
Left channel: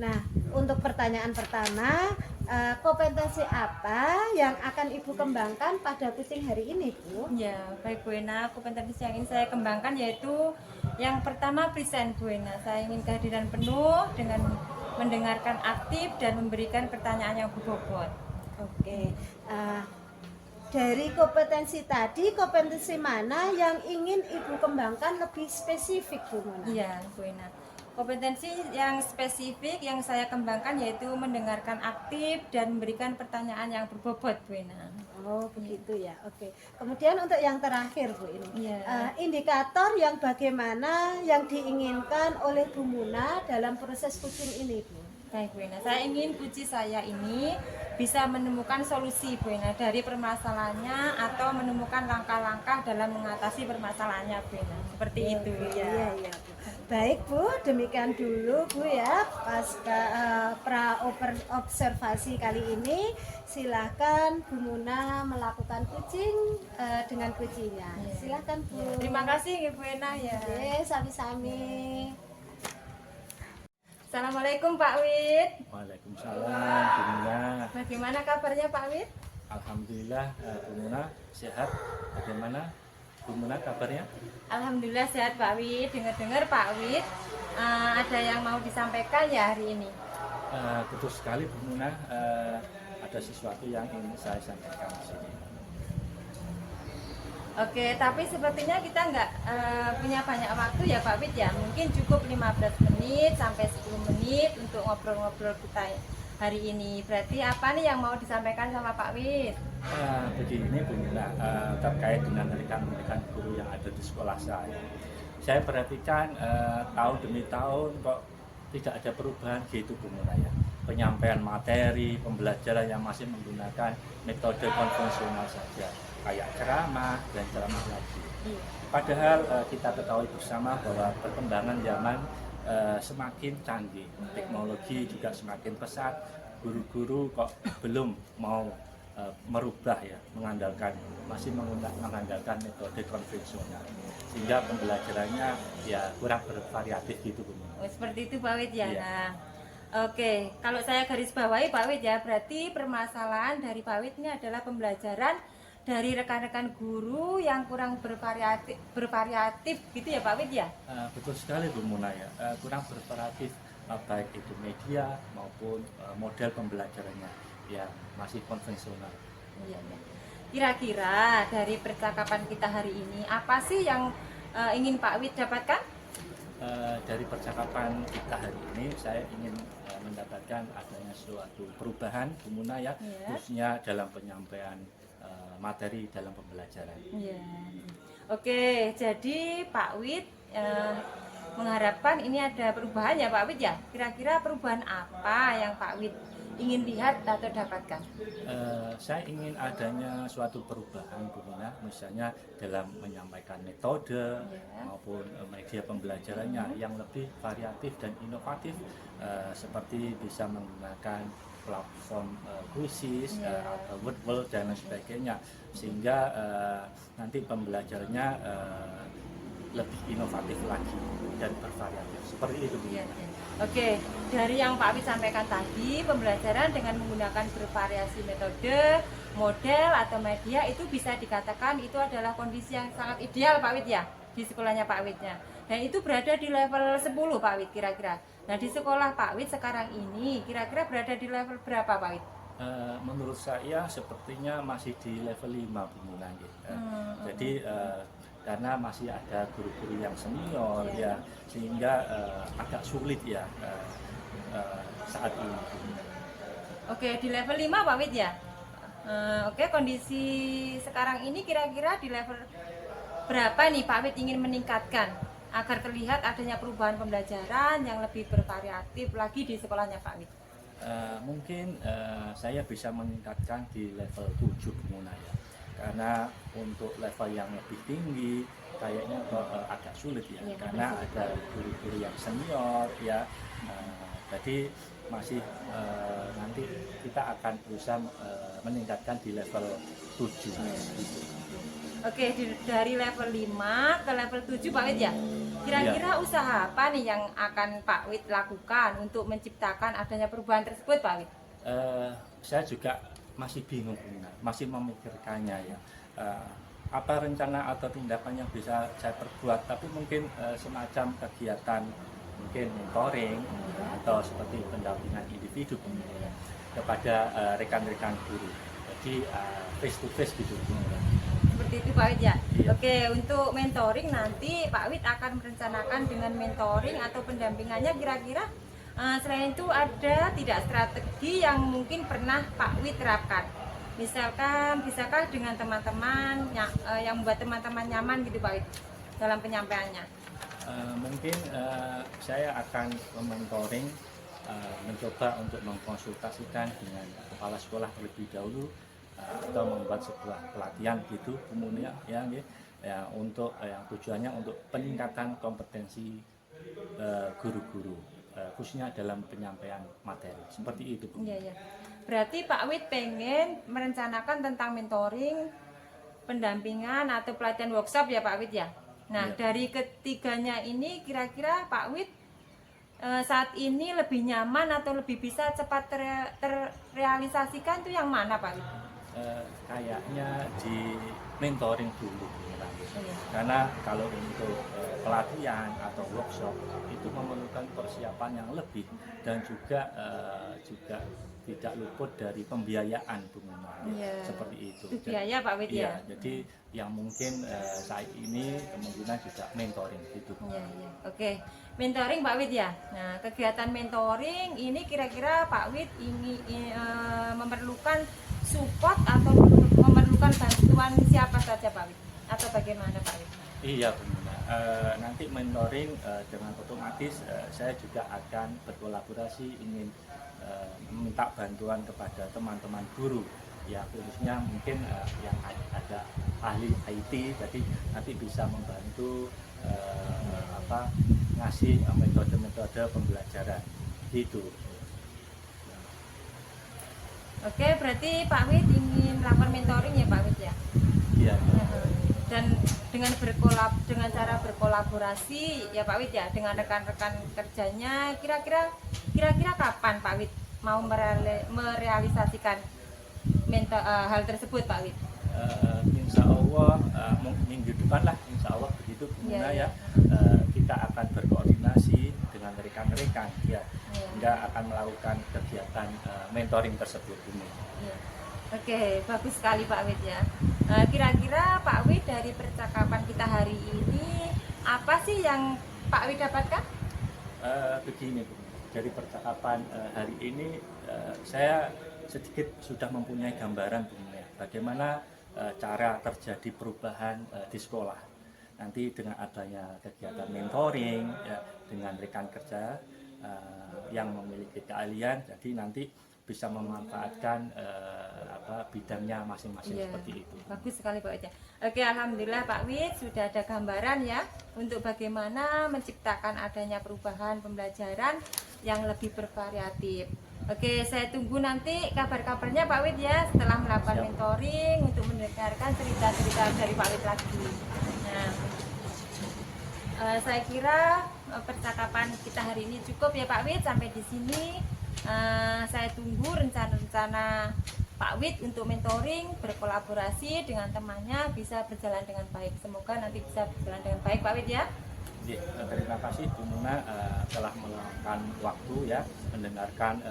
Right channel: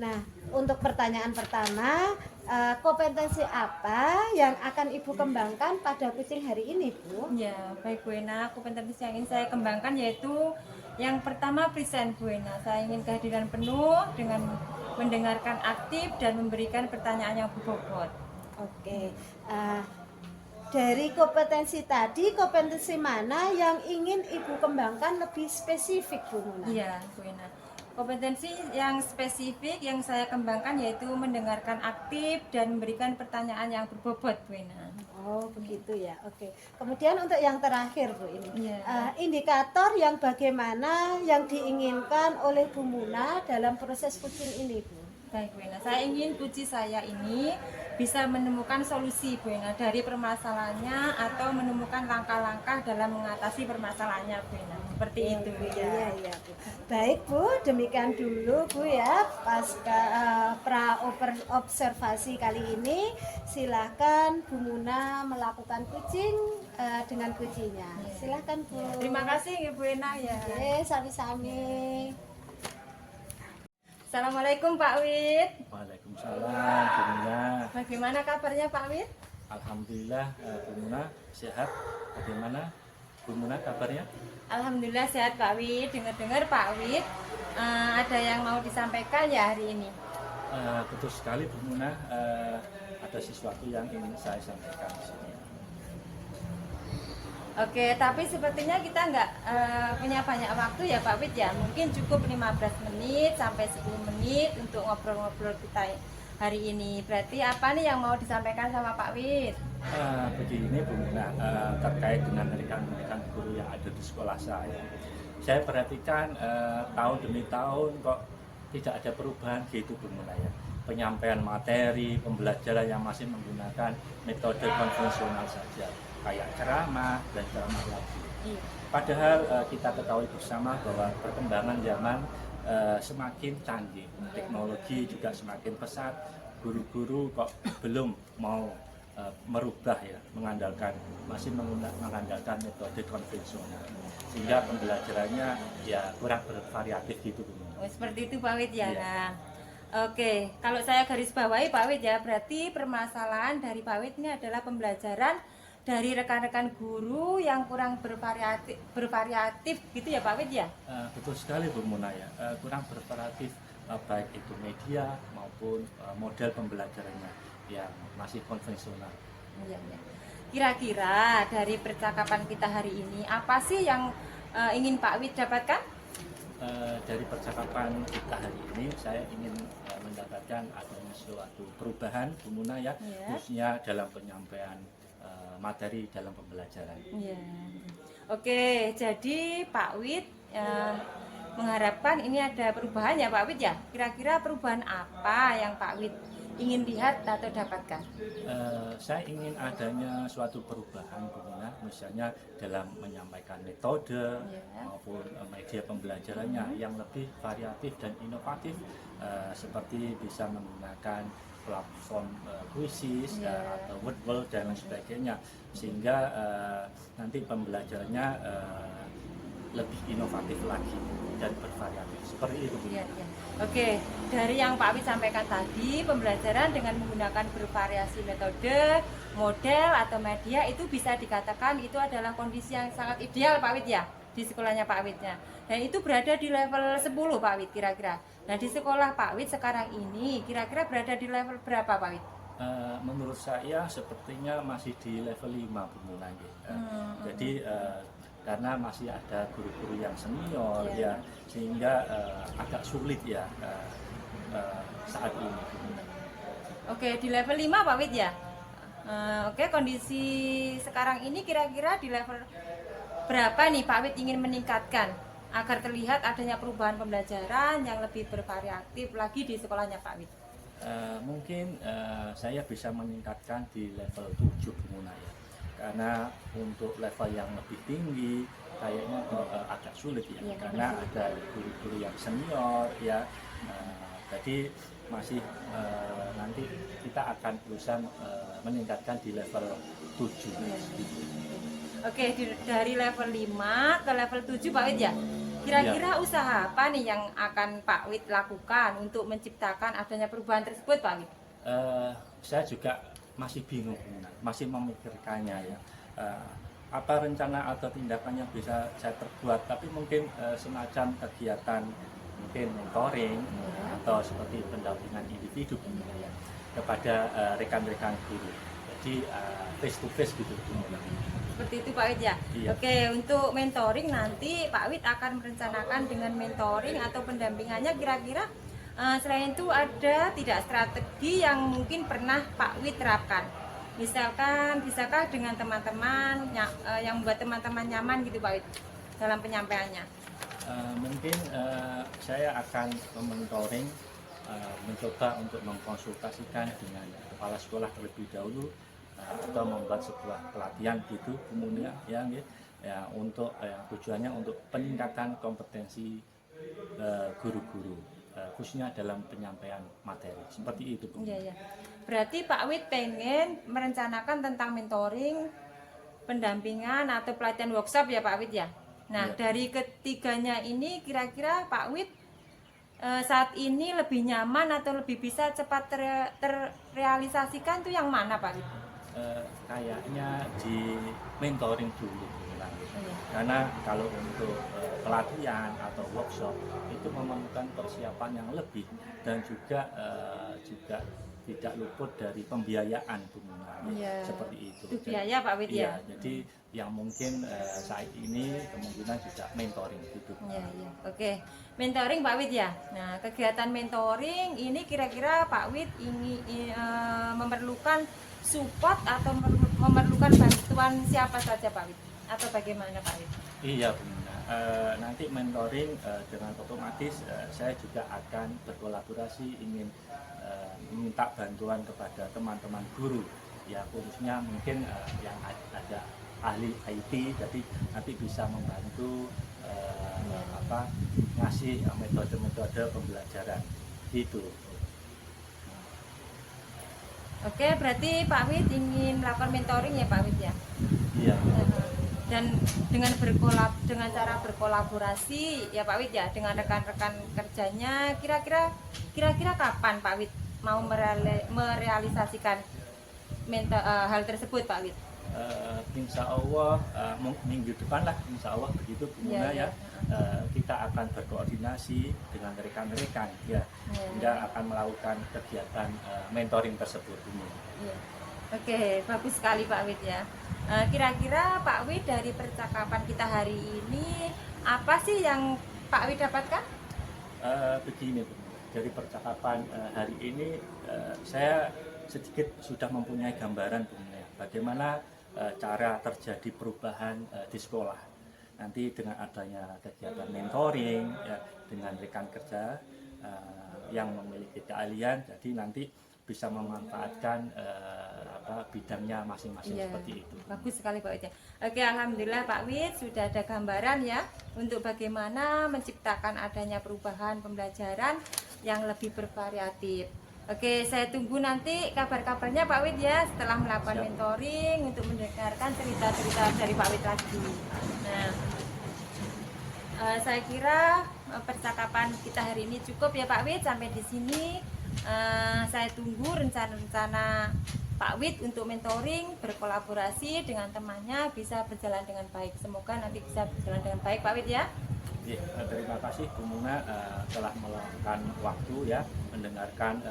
Nah, untuk pertanyaan pertama, kompetensi apa yang akan Ibu kembangkan pada coaching hari ini Bu? Ya, baik Bu Ena, kompetensi yang ingin saya kembangkan yaitu yang pertama present Bu Ena. Saya ingin kehadiran penuh dengan mendengarkan aktif dan memberikan pertanyaan yang berbobot. Oke, dari kompetensi tadi, kompetensi mana yang ingin Ibu kembangkan lebih spesifik Bu Muna? Iya, Bu Ena. Kompetensi yang spesifik yang saya kembangkan yaitu mendengarkan aktif dan memberikan pertanyaan yang berbobot, Bu Ena. Oh begitu ya, oke. Kemudian untuk yang terakhir Bu ini, Iya. indikator yang bagaimana yang diinginkan oleh Bu Muna dalam proses coaching ini Bu? Baik Bu Ena, saya ingin coachee saya ini bisa menemukan solusi Bu Ena dari permasalahannya atau menemukan langkah-langkah dalam mengatasi permasalahannya Bu Ena. Seperti itu ya. Iya, iya, Bu. Baik Bu, demikian dulu Bu ya pasca observasi kali ini. Silahkan Bu Muna melakukan coaching dengan coachingnya. Silahkan Bu. Terima kasih Ibu Ena ya. Oke, sami-sami. Assalamualaikum Pak Wid. Waalaikumsalam, Bu Muna. Bagaimana kabarnya Pak Wid? Alhamdulillah, Bu Muna sehat. Bagaimana Bu Muna kabarnya? Alhamdulillah sehat Pak Wid. Dengar-dengar Pak Wid ada yang mau disampaikan ya hari ini. Betul sekali Bu Muna, ada sesuatu yang ingin saya sampaikan di sini. Oke, tapi sepertinya kita nggak punya banyak waktu ya Pak Wid ya. Mungkin cukup 15 menit sampai 10 menit untuk ngobrol-ngobrol kita hari ini. Berarti apa nih yang mau disampaikan sama Pak Wid? Begini Bu Muna, terkait dengan rekan-rekan guru yang ada di sekolah saya perhatikan tahun demi tahun kok tidak ada perubahan gitu Bu Muna ya. penyampaian materi, pembelajaran yang masih menggunakan metode konvensional saja, kayak ceramah dan ceramah lagi. Padahal kita ketahui bersama bahwa perkembangan zaman semakin canggih, teknologi juga semakin pesat, guru-guru kok belum mau merubah ya, masih mengandalkan metode konvensional, sehingga pembelajarannya ya kurang bervariatif gitu Bu. Oh, seperti itu Pak Wid ya. Iya. Nah, oke, kalau saya garis bawahi Pak Wid ya, berarti permasalahan dari Pak Wid ini adalah pembelajaran dari rekan-rekan guru yang kurang bervariatif gitu ya Pak Wid ya. Betul sekali Bu Muna ya, kurang bervariatif baik itu media maupun model pembelajarannya yang masih konvensional. Iya, iya. Kira-kira dari percakapan kita hari ini apa sih yang ingin Pak Wid dapatkan? Dari percakapan kita hari ini saya ingin mendapatkan adanya suatu perubahan Bu Muna ya, khususnya dalam penyampaian materi dalam pembelajaran. Iya. Oke, jadi Pak Wid mengharapkan ini ada perubahan ya Pak Wid ya. Kira-kira perubahan apa yang Pak Wid ingin lihat atau dapatkan? Saya ingin adanya suatu perubahan Bu Muna, misalnya dalam menyampaikan metode maupun media pembelajarannya yang lebih variatif dan inovatif, seperti bisa menggunakan platform kuisis atau Wordwall dan lain sebagainya, sehingga nanti pembelajarannya lebih inovatif lagi dan bervariatif seperti itu Bu. Iya, iya. Oke, dari yang Pak Wid sampaikan tadi, pembelajaran dengan menggunakan bervariasi metode, model atau media itu bisa dikatakan itu adalah kondisi yang sangat ideal Pak Wid ya di sekolahnya Pak Widnya. Dan itu berada di level 10 Pak Wid kira-kira. Nah di sekolah Pak Wid sekarang ini kira-kira berada di level berapa Pak Wid? Menurut saya sepertinya masih di level 5 Bu Muna. Jadi karena masih ada guru-guru yang senior ya, sehingga agak sulit ya saat ini. Oke, di level 5 Pak Wid ya. Oke, kondisi sekarang ini kira-kira di level berapa nih Pak Wid ingin meningkatkan agar terlihat adanya perubahan pembelajaran yang lebih bervariatif lagi di sekolahnya Pak Wid? Mungkin saya bisa meningkatkan di level 7 Bu Muna ya. Karena untuk level yang lebih tinggi kayaknya agak sulit ya, karena ada guru-guru yang senior ya. Jadi masih nanti kita akan berusaha meningkatkan di level 7 gitu. Oke, dari level 5 ke level 7 Pak Wid ya. Kira-kira usaha apa nih yang akan Pak Wid lakukan untuk menciptakan adanya perubahan tersebut Pak Wid? Saya juga masih bingung, masih memikirkannya ya. Apa rencana atau tindakan yang bisa saya perbuat, tapi mungkin semacam kegiatan mungkin mentoring atau seperti pendampingan individu kepada rekan-rekan guru. Jadi face to face gitu. Seperti itu Pak Wid ya. Iya. Oke, untuk mentoring nanti Pak Wid akan merencanakan dengan mentoring atau pendampingannya kira-kira selain itu ada tidak strategi yang mungkin pernah Pak Wid terapkan? Misalkan bisakah dengan teman-teman yang membuat teman-teman nyaman gitu Pak Wid dalam penyampaiannya? Mungkin saya akan mementoring, mencoba untuk mengkonsultasikan dengan kepala sekolah terlebih dahulu, atau membuat sebuah pelatihan gitu kemudian ya untuk yang tujuannya untuk peningkatan kompetensi guru-guru, khususnya dalam penyampaian materi seperti itu Bu. Iya, iya. Berarti Pak Wid pengen merencanakan tentang mentoring, pendampingan atau pelatihan workshop ya Pak Wid ya. Nah dari ketiganya ini kira-kira Pak Wid saat ini lebih nyaman atau lebih bisa cepat terrealisasikan tuh yang mana Pak Wid? Kayaknya di mentoring dulu karena kalau untuk pelatihan atau workshop itu memerlukan persiapan yang lebih dan juga tidak luput dari pembiayaan Bu Muna. Seperti itu. Biaya Pak Wid ya. Jadi yang mungkin saat ini kemungkinan juga mentoring gitu. Iya. Oke, mentoring Pak Wid ya. Nah, kegiatan mentoring ini kira-kira Pak Wid ini memerlukan support atau memerlukan bantuan siapa saja Pak Wid? Atau bagaimana Pak Wid? Iya Bu Muna. nanti mentoring dengan otomatis saya juga akan berkolaborasi ingin meminta bantuan kepada teman-teman guru ya, khususnya mungkin yang ada ahli IT, jadi nanti bisa membantu ngasih metode-metode pembelajaran gitu. Oke, berarti Pak Wid ingin melakukan mentoring ya Pak Wid ya? Iya. Dan dengan cara berkolaborasi ya Pak Wid ya dengan rekan-rekan kerjanya, kira-kira kapan Pak Wid mau merealisasikan hal tersebut Pak Wid? Insya Allah minggu depan lah, Insya Allah begitu Bu Muna ya. Kita akan berkoordinasi dengan rekan-rekan ya, hingga akan melakukan kegiatan mentoring tersebut ini. Ya. Oke, bagus sekali Pak Wid ya. Kira-kira Pak Wid dari percakapan kita hari ini apa sih yang Pak Wid dapatkan? Begini Bu, dari percakapan hari ini saya sedikit sudah mempunyai gambaran Bu Muna, bagaimana cara terjadi perubahan di sekolah. Nanti dengan adanya kegiatan mentoring ya, dengan rekan kerja yang memiliki keahlian, jadi nanti bisa memanfaatkan bidangnya masing-masing seperti itu. Bagus sekali Pak Wid ya. Oke, alhamdulillah Pak Wid sudah ada gambaran ya untuk bagaimana menciptakan adanya perubahan pembelajaran yang lebih bervariatif. Oke, saya tunggu nanti kabar-kabarnya Pak Wid ya setelah melakukan mentoring untuk mendengarkan cerita-cerita dari Pak Wid lagi. Ya. Saya kira percakapan kita hari ini cukup ya Pak Wid, sampai di sini. Saya tunggu rencana-rencana Pak Wid untuk mentoring, berkolaborasi dengan temannya bisa berjalan dengan baik. Semoga nanti bisa berjalan dengan baik Pak Wid ya. Ya, terima kasih Bu Muna telah meluangkan waktu ya mendengarkan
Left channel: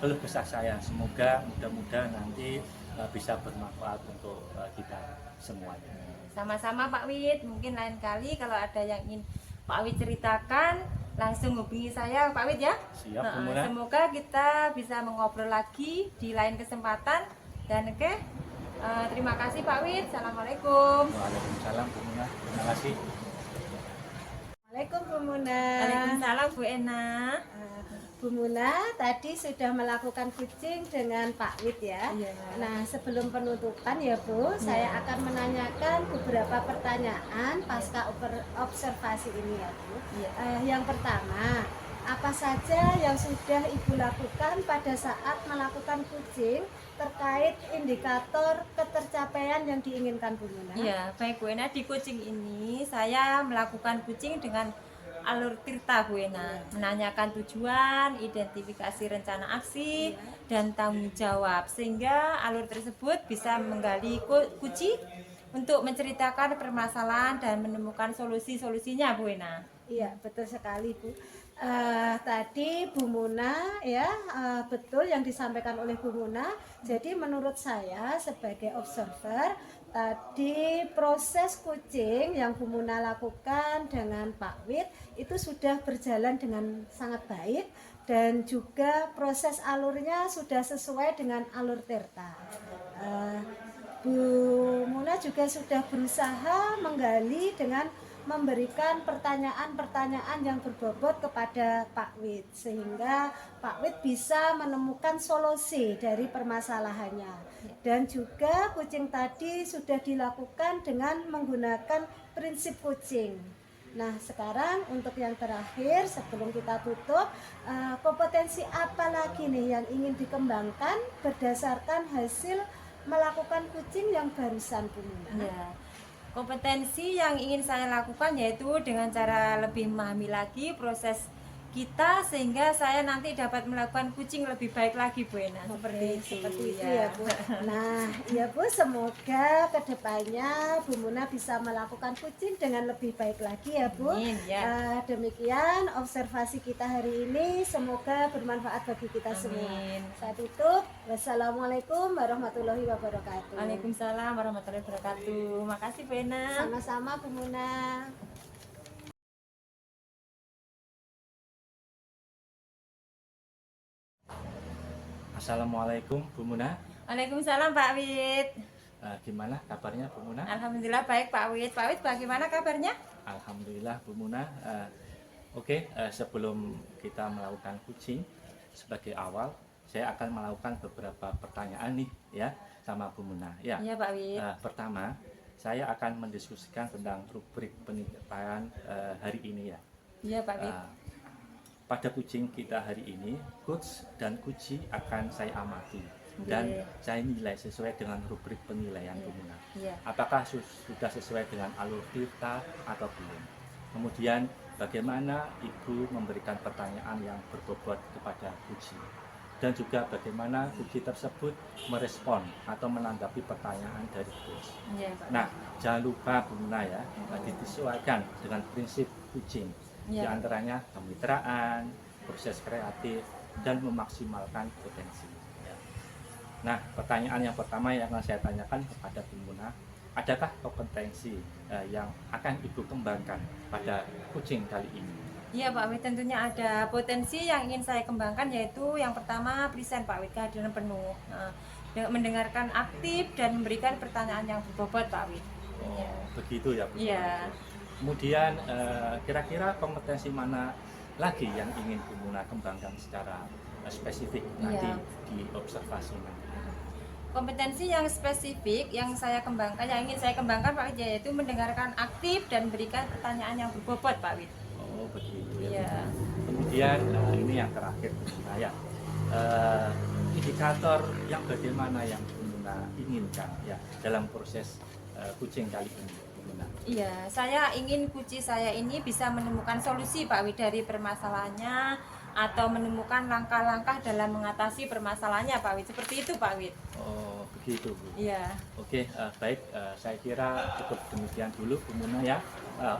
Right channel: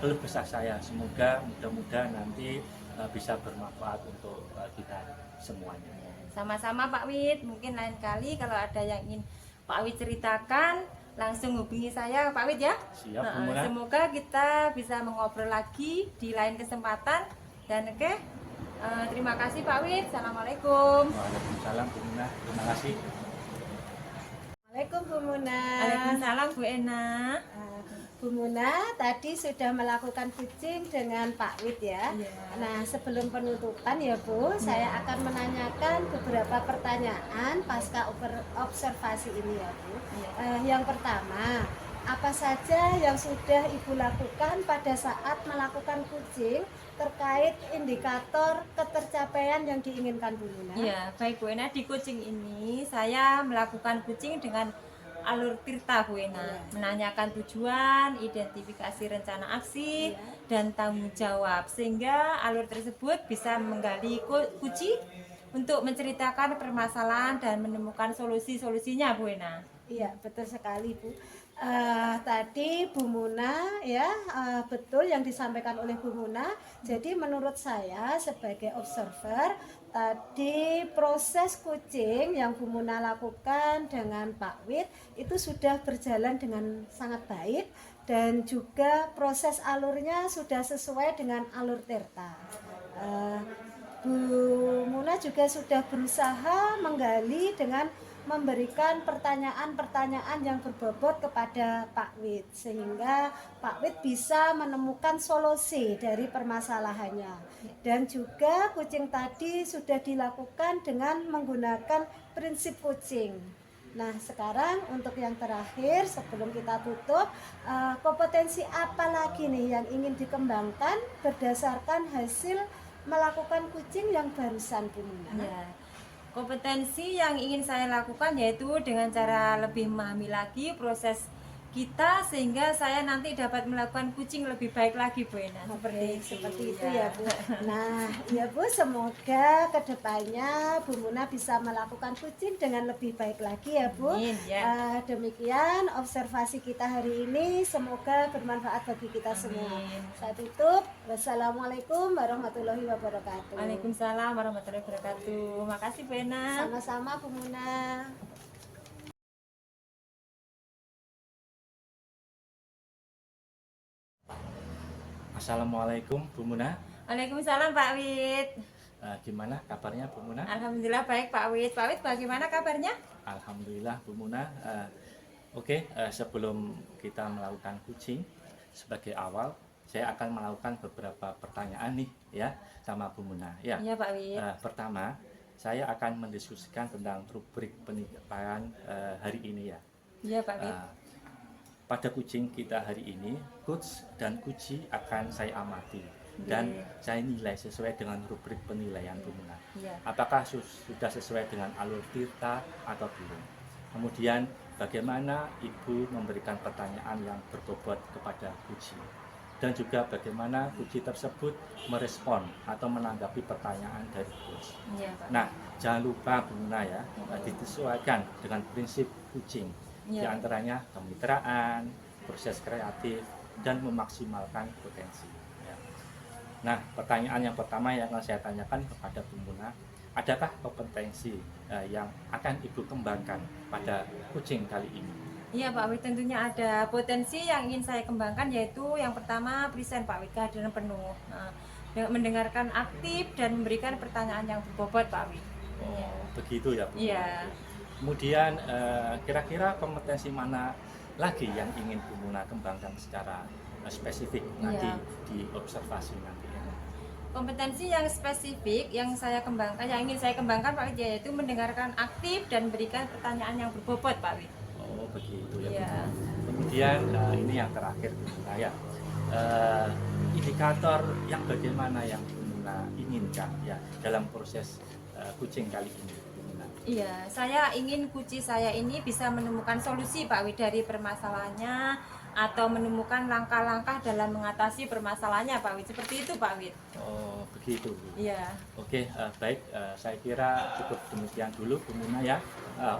keluh kesah saya. Semoga mudah-mudahan nanti bisa bermanfaat untuk kita semuanya. Sama-sama Pak Wid, mungkin lain kali kalau ada yang ingin Pak Wid ceritakan langsung hubungi saya Pak Wid ya. Siap Bu Muna. Semoga kita bisa mengobrol lagi di lain kesempatan. Dan oke, terima kasih Pak Wid. Assalamualaikum. Waalaikumsalam Bu Muna. Terima kasih. Assalamualaikum Bu Muna. Waalaikumsalam Bu Ena. Bu Muna tadi sudah melakukan pitching dengan Pak Wid ya. Iya. Nah, sebelum penutupan ya Bu, saya akan menanyakan beberapa pertanyaan pasca observasi ini ya Bu. Iya. Yang pertama, apa saja yang sudah Ibu lakukan pada saat melakukan pitching terkait indikator ketercapaian yang diinginkan Bu Muna? Iya, baik Bu Ena, di coaching ini saya melakukan coaching dengan alur tirta Bu Ena, menanyakan tujuan, identifikasi rencana aksi, dan tanggung jawab, sehingga alur tersebut bisa menggali kunci untuk menceritakan permasalahan dan menemukan solusi-solusinya Bu Ena. Iya, betul sekali Bu. Tadi Bu Muna ya, betul yang disampaikan oleh Bu Muna. Jadi menurut saya sebagai observer, tadi proses coaching yang Bu Muna lakukan dengan Pak Wid itu sudah berjalan dengan sangat baik, dan juga proses alurnya sudah sesuai dengan alur tirta. Bu Muna juga sudah berusaha menggali dengan memberikan pertanyaan-pertanyaan yang berbobot kepada Pak Wid, sehingga Pak Wid bisa menemukan solusi dari permasalahannya. Dan juga coaching tadi sudah dilakukan dengan menggunakan prinsip coaching. Nah, sekarang untuk yang terakhir sebelum kita tutup, kompetensi apa lagi nih yang ingin dikembangkan berdasarkan hasil melakukan coaching yang barusan Bu Muna? Ya. Kompetensi yang ingin saya lakukan yaitu dengan cara lebih memahami lagi proses kita, sehingga saya nanti dapat melakukan coaching lebih baik lagi Bu Ena. Seperti itu ya Bu. Nah ya Bu, semoga kedepannya Bu Muna bisa melakukan coaching dengan lebih baik lagi ya Bu. Amin, ya. Demikian observasi kita hari ini, semoga bermanfaat bagi kita semua. Amin. Saya tutup. Wassalamualaikum warahmatullahi wabarakatuh. Waalaikumsalam warahmatullahi wabarakatuh. Makasih Bu Ena. Sama-sama Bu Muna. Assalamualaikum Bu Muna. Waalaikumsalam Pak Wid. Gimana kabarnya Bu Muna? Alhamdulillah baik Pak Wid. Pak Wid bagaimana kabarnya? Alhamdulillah Bu Muna. Sebelum kita melakukan coaching sebagai awal, saya akan melakukan beberapa pertanyaan nih ya sama Bu Muna. Ya. Iya Pak Wid. Pertama, saya akan mendiskusikan tentang rubrik penilaian hari ini ya. Iya Pak Wid. Pada coaching kita hari ini, coach dan coachee akan saya amati dan saya nilai sesuai dengan rubrik penilaian Bu Muna. Iya. Apakah sudah sesuai dengan alur kita atau belum? Kemudian bagaimana Ibu memberikan pertanyaan yang berbobot kepada coachee, dan juga bagaimana coachee tersebut merespon atau menanggapi pertanyaan dari coach. Iya Pak. Nah, jangan lupa Bu Muna ya, disesuaikan dengan prinsip coaching, di Iya. antaranya kemitraan, proses kreatif, dan memaksimalkan potensi. Ya. Nah, pertanyaan yang pertama yang akan saya tanyakan kepada Bu Muna, adakah kompetensi yang akan Ibu kembangkan pada coaching kali ini? Iya Pak Wid, tentunya ada potensi yang ingin saya kembangkan, yaitu yang pertama present Pak Wid, kehadiran penuh. Nah, mendengarkan aktif dan memberikan pertanyaan yang berbobot Pak Wid. Oh, begitu ya Bu. Iya. Kemudian kira-kira kompetensi mana lagi yang ingin Bu Muna kembangkan secara spesifik nanti di observasi nanti? Kompetensi yang spesifik yang ingin saya kembangkan Pak Wid, yaitu mendengarkan aktif dan memberikan pertanyaan yang berbobot Pak Wid. Oh begitu ya. Iya. Kemudian ini yang terakhir Bu Muna ya. Indikator yang bagaimana yang Bu Muna inginkan ya dalam proses coaching kali ini Bu Muna? Iya, saya ingin coachee saya ini bisa menemukan solusi Pak Wid dari permasalahannya, atau menemukan langkah-langkah dalam mengatasi permasalahannya Pak Wid. Seperti itu Pak Wid. Oh begitu Bu. Iya. Oke, baik, saya kira cukup demikian dulu Bu Muna ya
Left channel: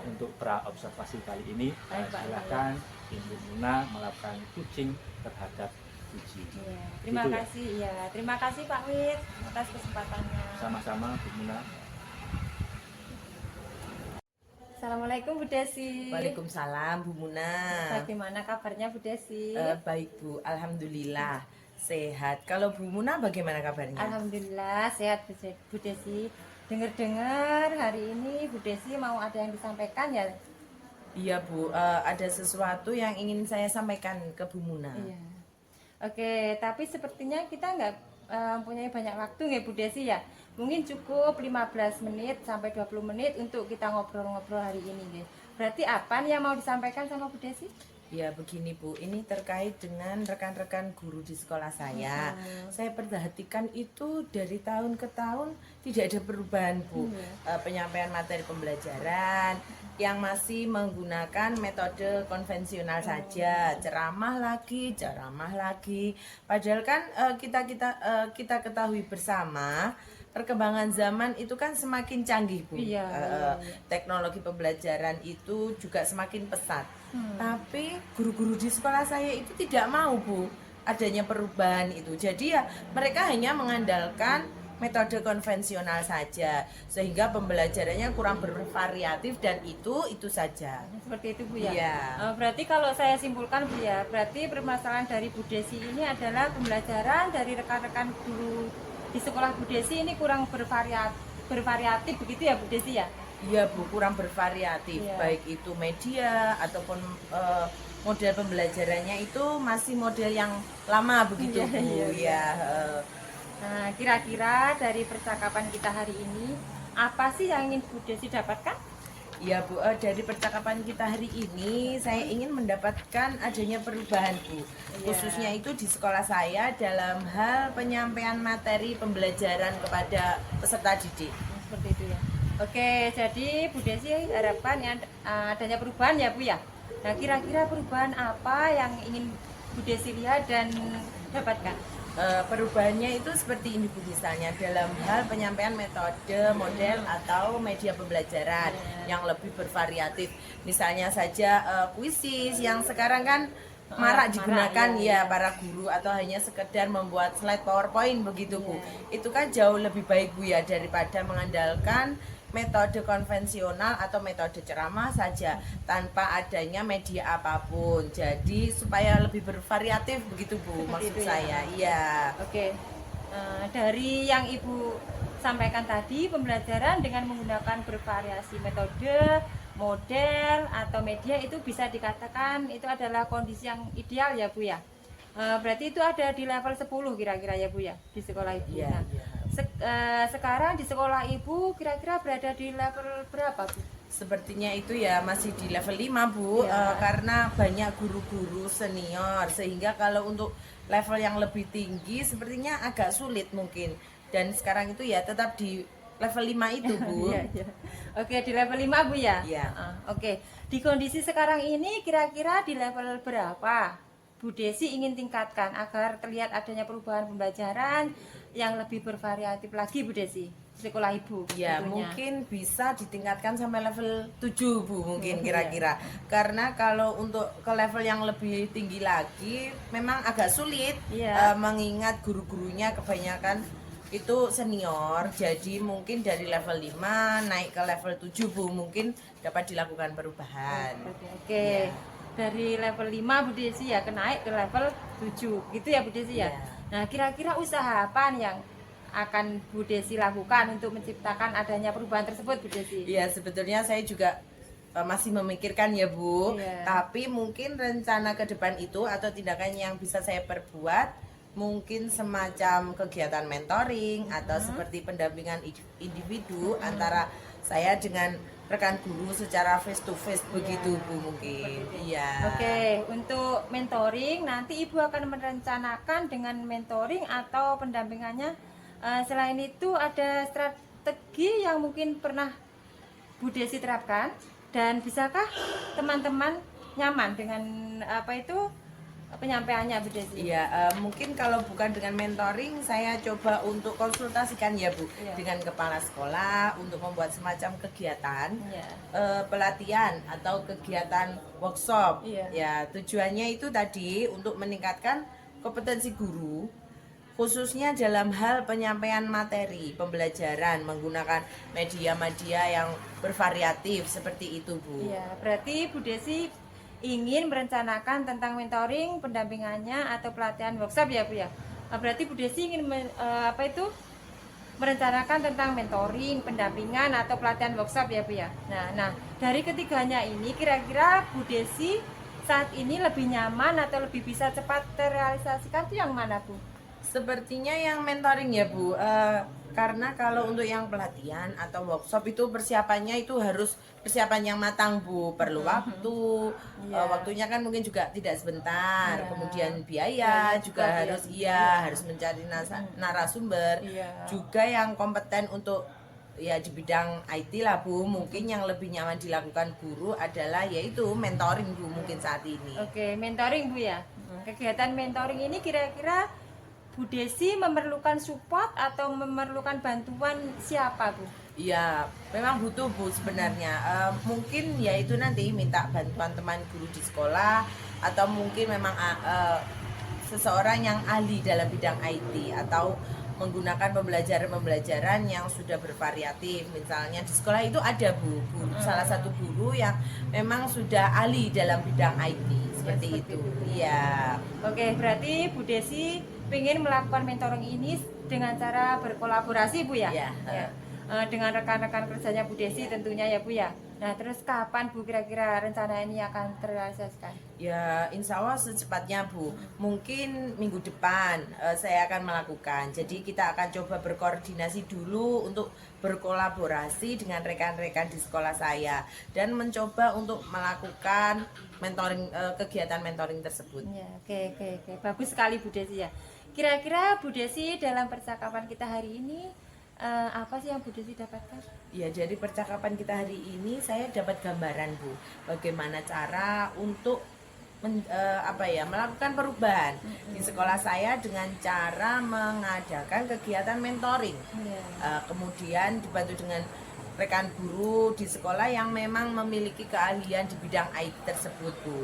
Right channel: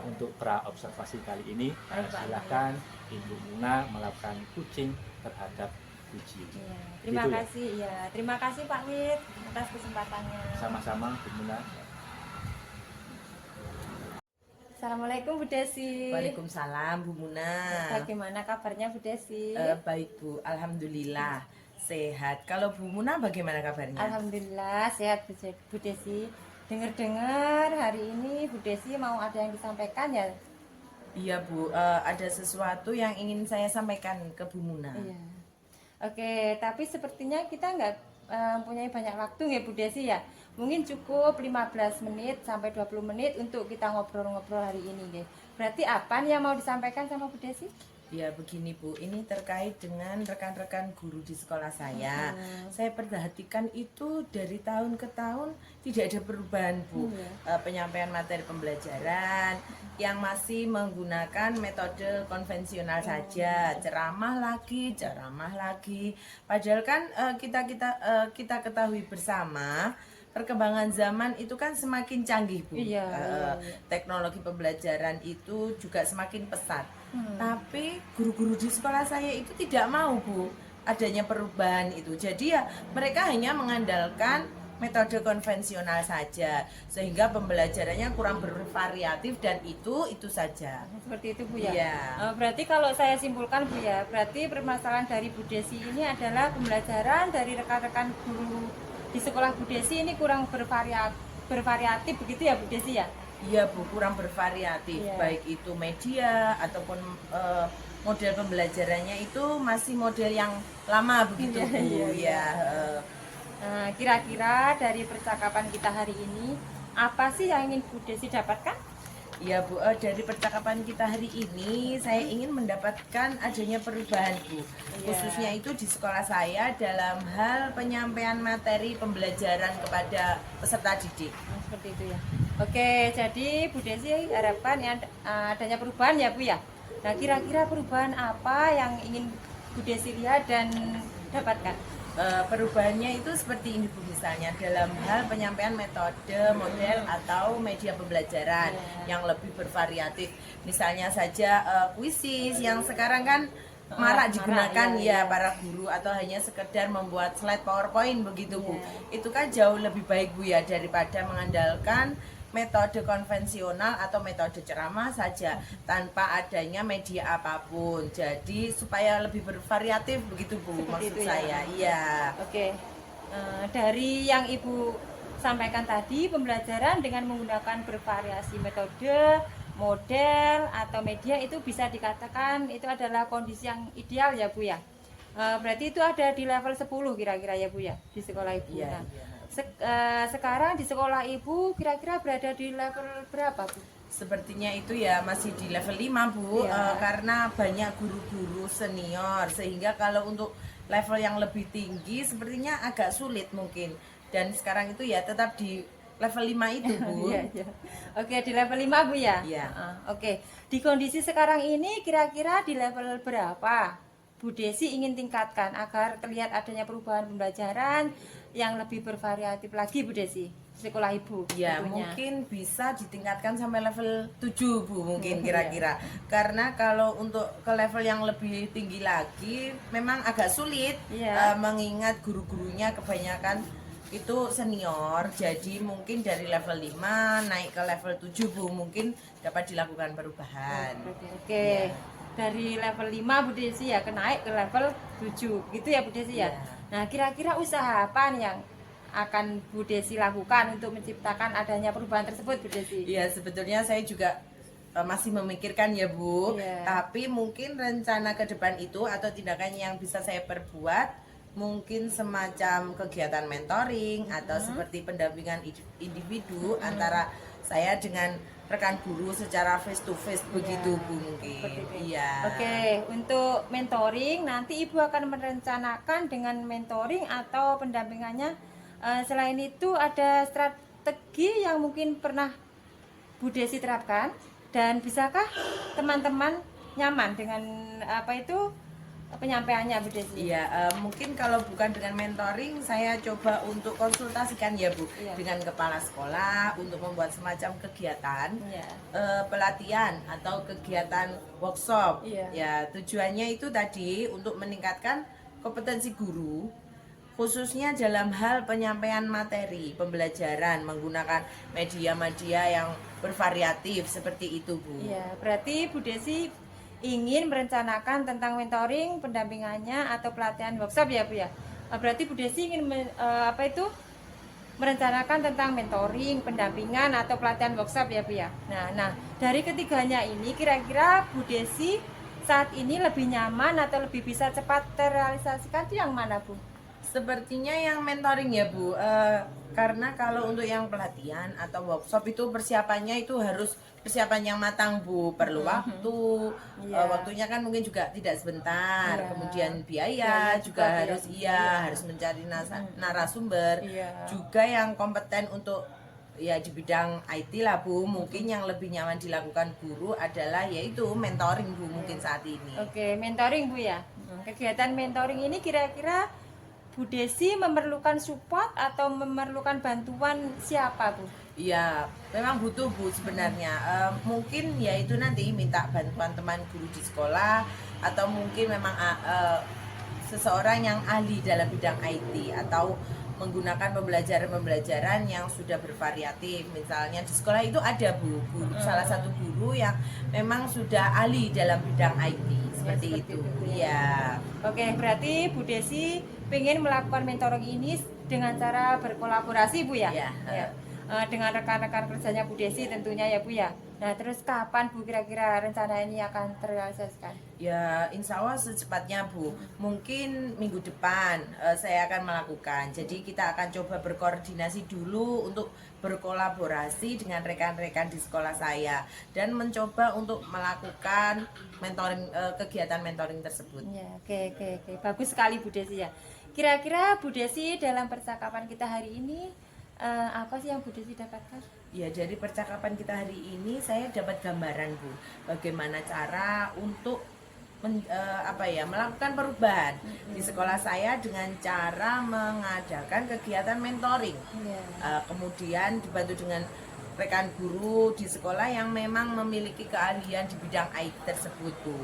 untuk pra observasi kali ini. Baik, Pak. Silakan Ibu Muna melakukan coaching terhadap coachee. Iya. Terima Gitu ya. kasih. Iya, terima kasih Pak Wid atas kesempatannya. Sama-sama Bu Muna. Assalamualaikum Bu Desi. Waalaikumsalam Bu Muna. Bagaimana kabarnya Bu Desi? Baik Bu, alhamdulillah sehat. Kalau Bu Muna bagaimana kabarnya? Alhamdulillah sehat Bu Desi. Dengar-dengar hari ini Bu Desi mau ada yang disampaikan ya? Iya Bu, ada sesuatu yang ingin saya sampaikan ke Bu Muna. Iya. Oke, tapi sepertinya kita nggak mempunyai banyak waktu ya Bu Desi ya. Mungkin cukup 15 menit sampai 20 menit untuk kita ngobrol-ngobrol hari ini ya. Berarti apa nih yang mau disampaikan sama Bu Desi? Ya begini Bu, ini terkait dengan rekan-rekan guru di sekolah saya. Saya perhatikan itu dari tahun ke tahun tidak ada perubahan Bu. Penyampaian materi pembelajaran yang masih menggunakan metode konvensional saja, ceramah lagi. Padahal kan kita ketahui bersama perkembangan zaman itu kan semakin canggih Bu. Iya. Teknologi pembelajaran itu juga semakin pesat. Tapi guru-guru di sekolah saya itu tidak mau Bu adanya perubahan itu. Jadi ya mereka hanya mengandalkan metode konvensional saja, sehingga pembelajarannya kurang bervariatif dan itu saja. Seperti itu Bu ya. Iya. Berarti kalau saya simpulkan Bu ya, berarti permasalahan dari Bu Desi ini adalah pembelajaran dari rekan-rekan guru di sekolah Bu Desi ini kurang bervariatif begitu ya Bu Desi ya? Iya Bu, kurang bervariatif, Iya. baik itu media ataupun model pembelajarannya itu masih model yang lama begitu Iya, Bu. iya, iya. Ya, Nah, kira-kira dari percakapan kita hari ini apa sih yang ingin Bu Desi dapatkan? ya Bu, dari percakapan kita hari ini saya ingin mendapatkan adanya perubahan Bu, khususnya itu di sekolah saya dalam hal penyampaian materi pembelajaran kepada peserta didik. Seperti itu ya. Oke, jadi Bu Desi harapkan ya, adanya perubahan ya Bu ya. Nah, kira-kira perubahan apa yang ingin Bu Desi lihat dan dapatkan? Perubahannya itu seperti ini Bu, misalnya dalam hal penyampaian metode, model atau media pembelajaran yang lebih bervariatif. Misalnya saja kuisis yang sekarang kan marak digunakan ya para guru, atau hanya sekedar membuat slide PowerPoint begitu Bu. Itu kan jauh lebih baik Bu ya daripada mengandalkan metode konvensional atau metode ceramah saja tanpa adanya media apapun. Jadi supaya lebih bervariatif begitu Bu, maksud itu ya. saya. Iya. Oke, dari yang Ibu sampaikan tadi, pembelajaran dengan menggunakan bervariasi metode model atau media itu bisa dikatakan itu adalah kondisi yang ideal ya Bu ya. Berarti itu ada di level 10 kira-kira ya Bu ya di sekolah Ibu. Iya, Nah, iya. sekarang di sekolah Ibu kira-kira berada di level berapa Bu? Sepertinya itu ya masih di level 5 Bu. Iya. Karena banyak guru-guru senior sehingga kalau untuk level yang lebih tinggi sepertinya agak sulit mungkin. Dan sekarang itu ya tetap di level 5 itu Bu. Iya, iya. Oke, di level 5 Bu ya? Iya. Oke. Di kondisi sekarang ini kira-kira di level berapa Bu Desi ingin tingkatkan agar terlihat adanya perubahan pembelajaran yang lebih bervariatif lagi Bu Desi di sekolah Ibu? Ya, tentunya. mungkin bisa ditingkatkan sampai level 7 Bu mungkin kira-kira. Karena kalau untuk ke level yang lebih tinggi lagi memang agak sulit Iya. mengingat guru-gurunya kebanyakan itu senior. Jadi mungkin dari level 5 naik ke level 7 Bu mungkin dapat dilakukan perubahan. Oke. Dari level 5 Bu Desi ya naik ke level 7 gitu ya Bu Desi ya. Iya. Nah, kira-kira usaha apa nih yang akan Bu Desi lakukan untuk menciptakan adanya perubahan tersebut Bu Desi? Iya, sebetulnya saya juga masih memikirkan ya Bu. Iya. Tapi mungkin rencana ke depan itu atau tindakan yang bisa saya perbuat mungkin semacam kegiatan mentoring atau seperti pendampingan individu antara saya dengan rekan guru secara face to face begitu Bu mungkin. Iya. Oke, untuk mentoring nanti Ibu akan merencanakan dengan mentoring atau pendampingannya. Selain itu ada strategi yang mungkin pernah Bu Desi terapkan dan bisakah teman-teman nyaman dengan apa itu penyampaiannya Bu Desi? Iya, mungkin kalau bukan dengan mentoring, saya coba untuk konsultasikan ya Bu Iya. dengan kepala sekolah untuk membuat semacam kegiatan Iya. pelatihan atau kegiatan workshop. Iya. Ya, tujuannya itu tadi untuk meningkatkan kompetensi guru, khususnya dalam hal penyampaian materi pembelajaran menggunakan media-media yang bervariatif seperti itu Bu. Iya, berarti Bu Desi ingin merencanakan tentang mentoring, pendampingannya atau pelatihan workshop ya Bu ya. Berarti Bu Desi ingin merencanakan tentang mentoring, pendampingan atau pelatihan workshop ya Bu ya. Nah, dari ketiganya ini kira-kira Bu Desi saat ini lebih nyaman atau lebih bisa cepat terrealisasikan itu yang mana Bu? Sepertinya yang mentoring ya Bu, karena kalau untuk yang pelatihan atau workshop itu persiapannya itu harus persiapan yang matang Bu, perlu waktu, Iya. waktunya kan mungkin juga tidak sebentar, Iya. kemudian Biaya biaya juga juga harus harus mencari narasumber, Iya. juga yang kompeten untuk ya di bidang IT lah Bu, mungkin yang lebih nyaman dilakukan guru adalah yaitu mentoring Bu mungkin saat ini. Oke, mentoring Bu ya. Kegiatan mentoring ini kira-kira Bu Desi memerlukan support atau memerlukan bantuan siapa Bu? Iya, memang butuh Bu sebenarnya. Mungkin ya itu nanti minta bantuan teman guru di sekolah atau mungkin memang seseorang yang ahli dalam bidang IT atau menggunakan pembelajaran yang sudah bervariatif. Misalnya di sekolah itu ada Bu, salah satu guru yang memang sudah ahli dalam bidang IT seperti itu. Iya. Oke, berarti Bu Desi ingin melakukan mentoring ini dengan cara berkolaborasi Bu ya? Iya. Dengan rekan-rekan kerjanya Bu Desi tentunya ya Bu ya. Nah, terus kapan Bu kira-kira rencana ini akan terrealisasikan? Ya, insya Allah secepatnya Bu. Mungkin minggu depan saya akan melakukan. Jadi kita akan coba berkoordinasi dulu untuk berkolaborasi dengan rekan-rekan di sekolah saya dan mencoba untuk melakukan mentoring kegiatan mentoring tersebut. Ya, oke. Bagus sekali Bu Desi ya. Kira-kira Bu Desi dalam percakapan kita hari ini apa sih yang Bu Desi dapatkan? Ya, dari percakapan kita hari ini saya dapat gambaran Bu, bagaimana cara untuk melakukan perubahan di sekolah saya dengan cara mengadakan kegiatan mentoring. Kemudian dibantu dengan rekan guru di sekolah yang memang memiliki keahlian di bidang IT tersebut Bu.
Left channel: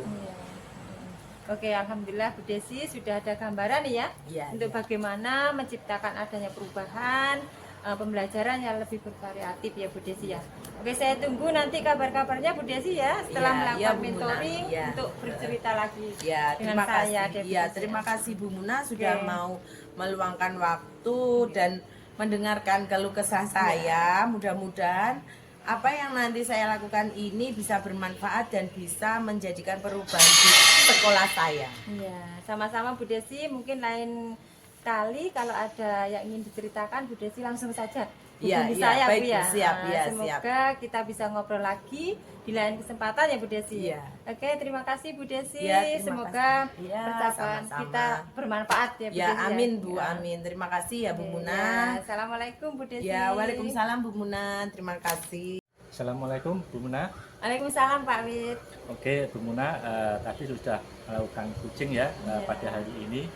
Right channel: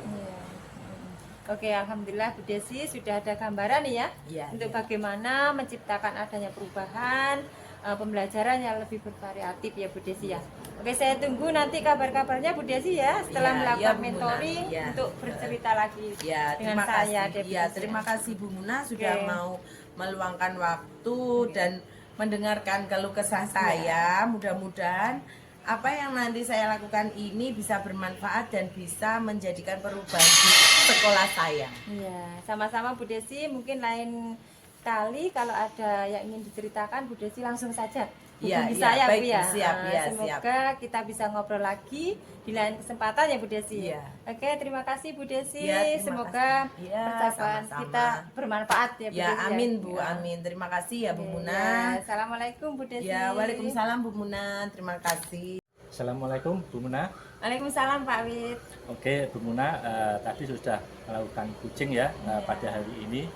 Oke, alhamdulillah Bu Desi sudah ada gambaran ya, Iya, untuk iya. bagaimana menciptakan adanya perubahan pembelajaran yang lebih bervariatif ya Bu Desi ya. Oke, saya tunggu nanti kabar-kabarnya Bu Desi ya setelah Iya, melakukan iya, Bu Muna. mentoring Iya. untuk bercerita lagi Ya, dengan terima saya. kasih. Devi Ya, Desi. terima kasih Bu Muna sudah Oke. mau meluangkan waktu dan mendengarkan keluh kesah saya. Mudah-mudahan apa yang nanti saya lakukan ini bisa bermanfaat dan bisa menjadikan perubahan di sekolah saya. Iya, sama-sama Bu Desi. Mungkin lain kali kalau ada yang ingin diceritakan, Bu Desi langsung saja Iya, hubungi iya, saya, baik, Bu ya. siap, iya, Semoga kita bisa ngobrol lagi di lain kesempatan ya Bu Desi. Iya. Oke, terima kasih Bu Desi. Iya, terima Semoga kasih. Iya, percakapan sama-sama. kita bermanfaat ya Bu Ya, Desi. amin Bu, Ya. amin. Terima kasih ya Bu Oke, Muna. ya. Assalamualaikum Bu Desi. Ya, waalaikumsalam Bu Muna. Terima kasih. Assalamualaikum Bu Muna. Waalaikumsalam Pak Wid. Oke Bu Muna, tadi sudah melakukan coaching ya pada hari ini.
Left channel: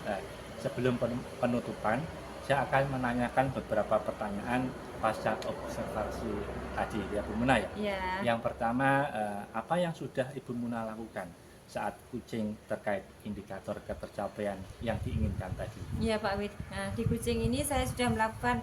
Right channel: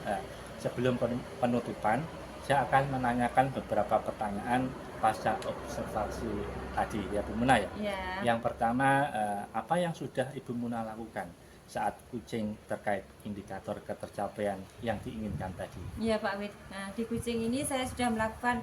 Sebelum penutupan, saya akan menanyakan beberapa pertanyaan pasca observasi tadi ya Bu Muna ya. Iya. Yang pertama, apa yang sudah Ibu Muna lakukan saat coaching terkait indikator ketercapaian yang diinginkan tadi? Iya Pak Wid. Nah, di kucing ini saya sudah melakukan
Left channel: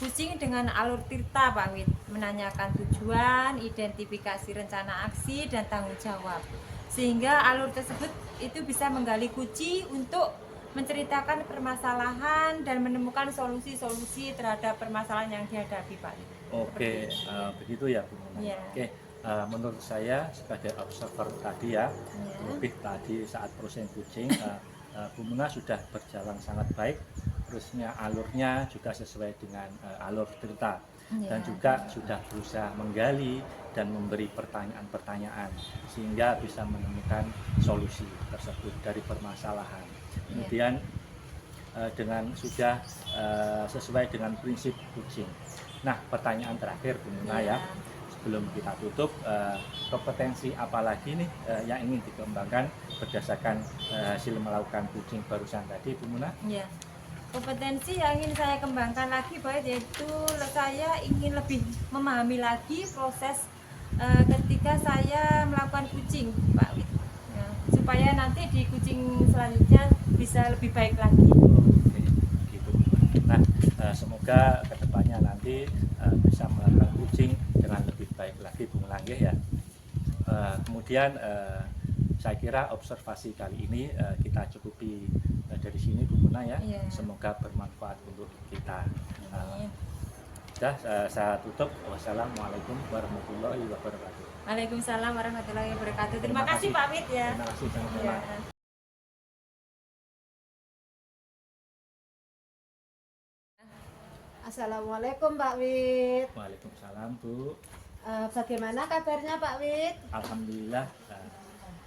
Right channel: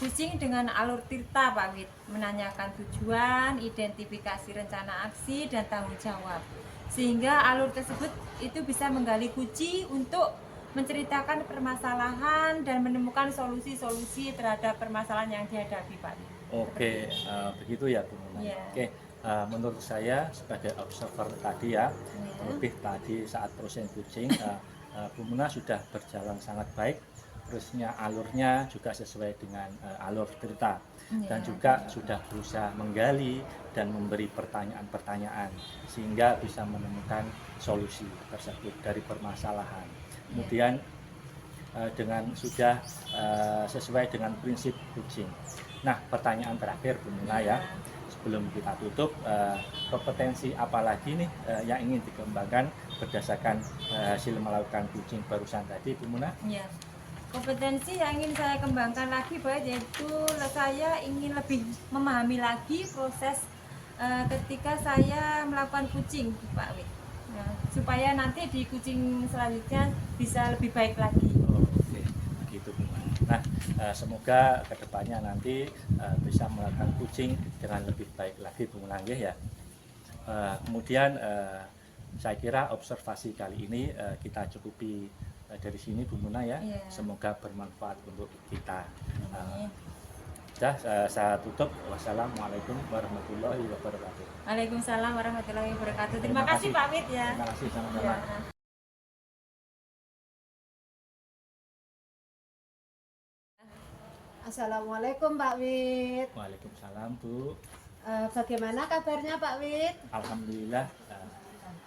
kucing dengan alur tirta Pak Wid, menanyakan tujuan, identifikasi rencana aksi dan tanggung jawab. Sehingga alur tersebut itu bisa menggali kunci untuk menceritakan permasalahan dan menemukan solusi-solusi terhadap permasalahan yang dihadapi Pak Wid. Oke, begitu ya Bu Muna. Iya. Oke, menurut saya sebagai observer tadi ya, lebih tadi saat proses coaching, Bu Muna sudah berjalan sangat baik. Terusnya alurnya juga sesuai dengan alur cerita dan juga sudah berusaha menggali dan memberi pertanyaan-pertanyaan sehingga bisa menemukan solusi tersebut dari permasalahan. Kemudian dengan sudah sesuai dengan prinsip coaching. Nah, pertanyaan terakhir Bu Muna ya, sebelum kita tutup, kompetensi apa lagi nih yang ingin dikembangkan berdasarkan hasil melakukan coaching barusan tadi Bu Muna? Iya. Kompetensi yang ingin saya kembangkan lagi baik yaitu saya ingin lebih memahami lagi proses ketika saya melakukan kucing Pak Wid. Nah, supaya nanti di kucing selanjutnya bisa lebih baik lagi. Oke, gitu. Nah, semoga kedepannya nanti bisa melakukan coaching dengan lebih baik lagi Bu Muna ya. Kemudian saya kira observasi kali ini kita cukupi dari sini Bu Muna ya. Iya. Semoga bermanfaat untuk kita. Amin. Sudah, saya tutup. Wassalamualaikum warahmatullahi wabarakatuh. Waalaikumsalam warahmatullahi wabarakatuh. Terima kasih Pak Wid ya. Terima kasih sama-sama. Ya. Assalamualaikum Pak Wid. Waalaikumsalam Bu. Bagaimana kabarnya Pak Wid? Alhamdulillah.